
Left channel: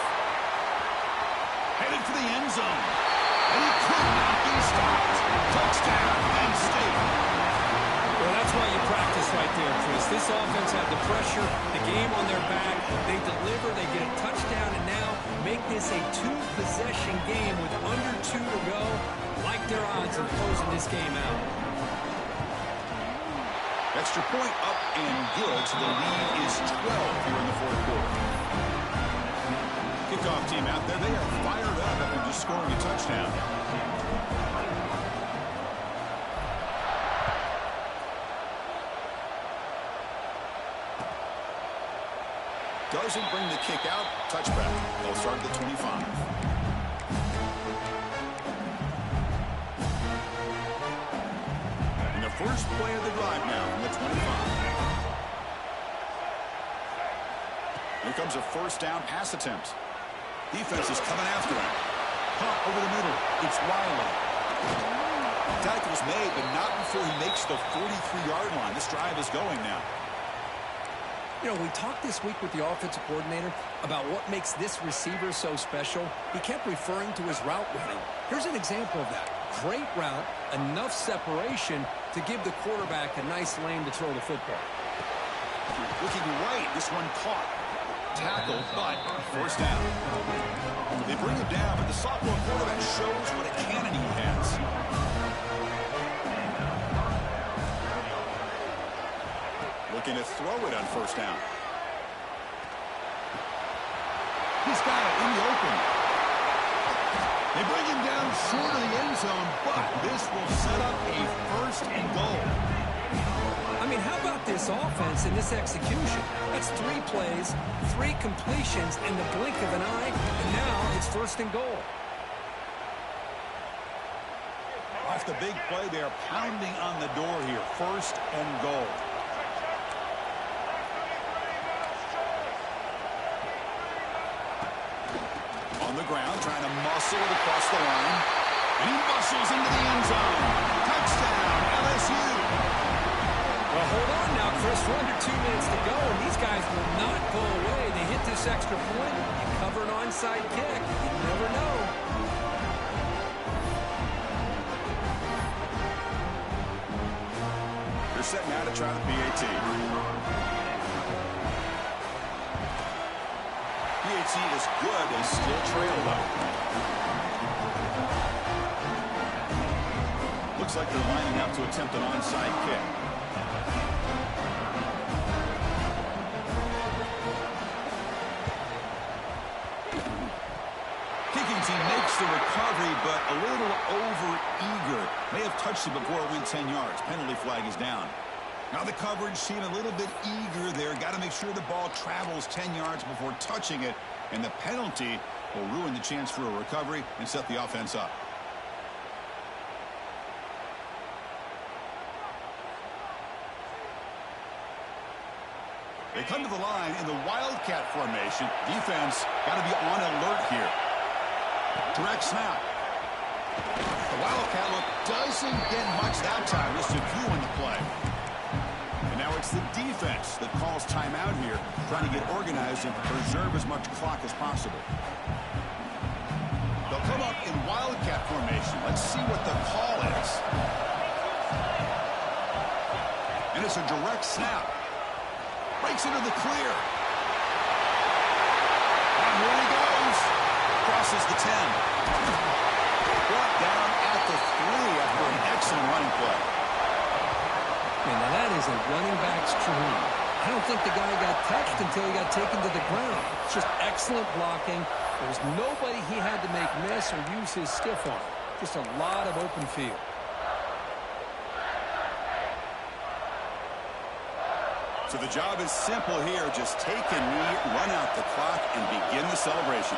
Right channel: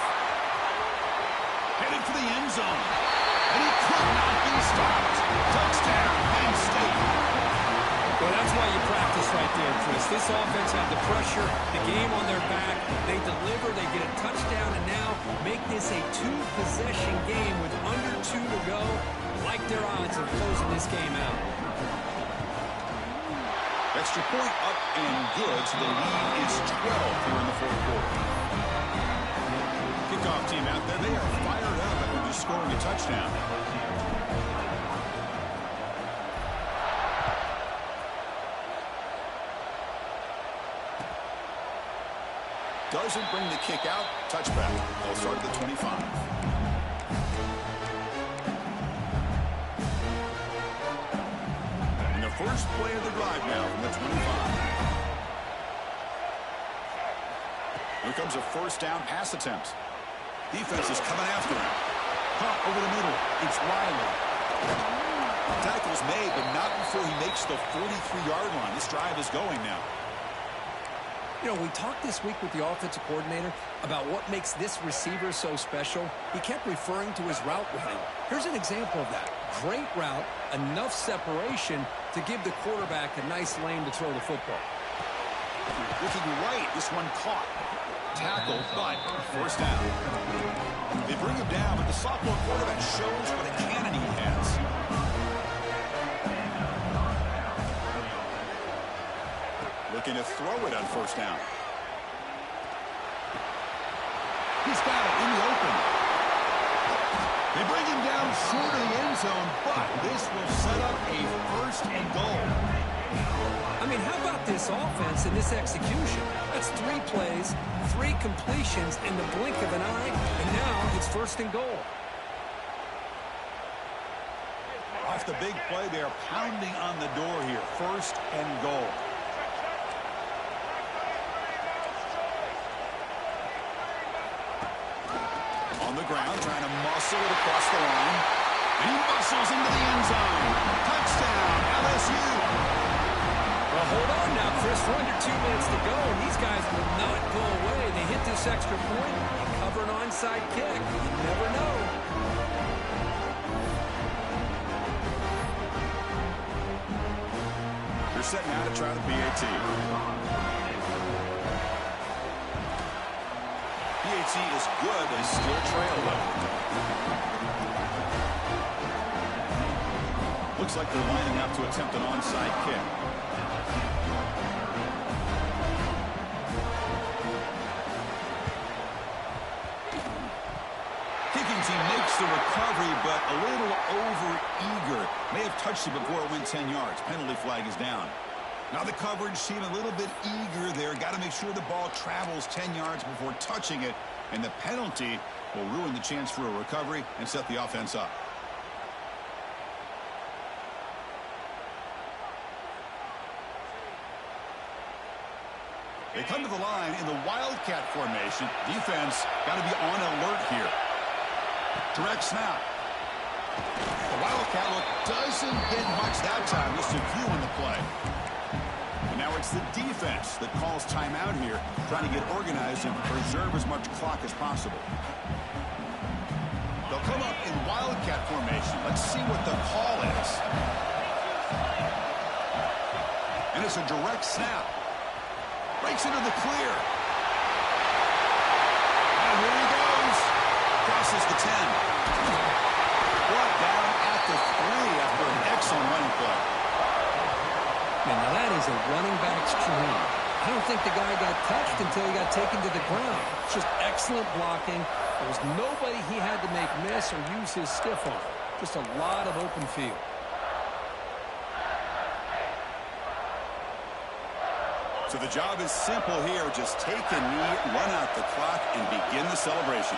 Headed for the end zone. And he could not be stopped. Touchdown, Penn State. Well, that's why you practice right there, Chris. This offense had the pressure, the game on their back. They deliver, they get a touchdown, and now make this a two-possession game with under 2 to go. Like their odds of closing this game out. Extra point up and good, so the lead is 12 here in the fourth quarter. Kickoff team out there, they are fired up after just scoring a touchdown. Doesn't bring the kick out. Touchback. They'll start at the 25. And the first play of the drive now from the 25. Here comes a first down pass attempt. Defense is coming after him. Pump over the middle. It's Riley. Tackle's made, but not before he makes the 43-yard line. This drive is going now. You know, we talked this week with the offensive coordinator about what makes this receiver so special. He kept referring to his route running. Here's an example of that. Great route, enough separation to give the quarterback a nice lane to throw the football. Looking right, this one caught. Tackle, but first down. They bring him down, but the sophomore quarterback shows what a cannon he has. Looking to throw it on first down. He's got it in the open. They bring him down short of the end zone, but this will set up a first and goal. I mean, how about this offense and this execution? That's 3 plays, 3 completions in the blink of an eye, and now it's first and goal. Off the big play, they are pounding on the door here. First and goal. On the ground, trying to muscle it across the line. And he muscles into the end zone. Touchdown, LSU. Well, hold on now, Chris. We're under 2 minutes to go, and these guys will not go away. They hit this extra point. You cover an onside kick. You never know. They're set now to try the PAT. PAT is good. They still trail, though. Looks like they're lining up to attempt an onside kick. Kicking team makes the recovery, but a little over-eager. May have touched it before it went 10 yards. Penalty flag is down. Now the coverage seemed a little bit eager there. Got to make sure the ball travels 10 yards before touching it. And the penalty will ruin the chance for a recovery and set the offense up. They come to the line in the Wildcat formation. Defense got to be on alert here. Direct snap. The Wildcat look doesn't get much that time. Just a few in the play. And now it's the defense that calls timeout here, trying to get organized and preserve as much clock as possible. They'll come up in Wildcat formation. Let's see what the call is. And it's a direct snap. Breaks into the clear. And here he goes. Crosses the 10. Brought down at the 3 after an excellent running play. Man, now that is a running back's dream. I don't think the guy got touched until he got taken to the ground. It's just excellent blocking. There was nobody he had to make miss or use his stiff arm. Just a lot of open field. So the job is simple here. Just take a knee, run out the clock, and begin the celebration.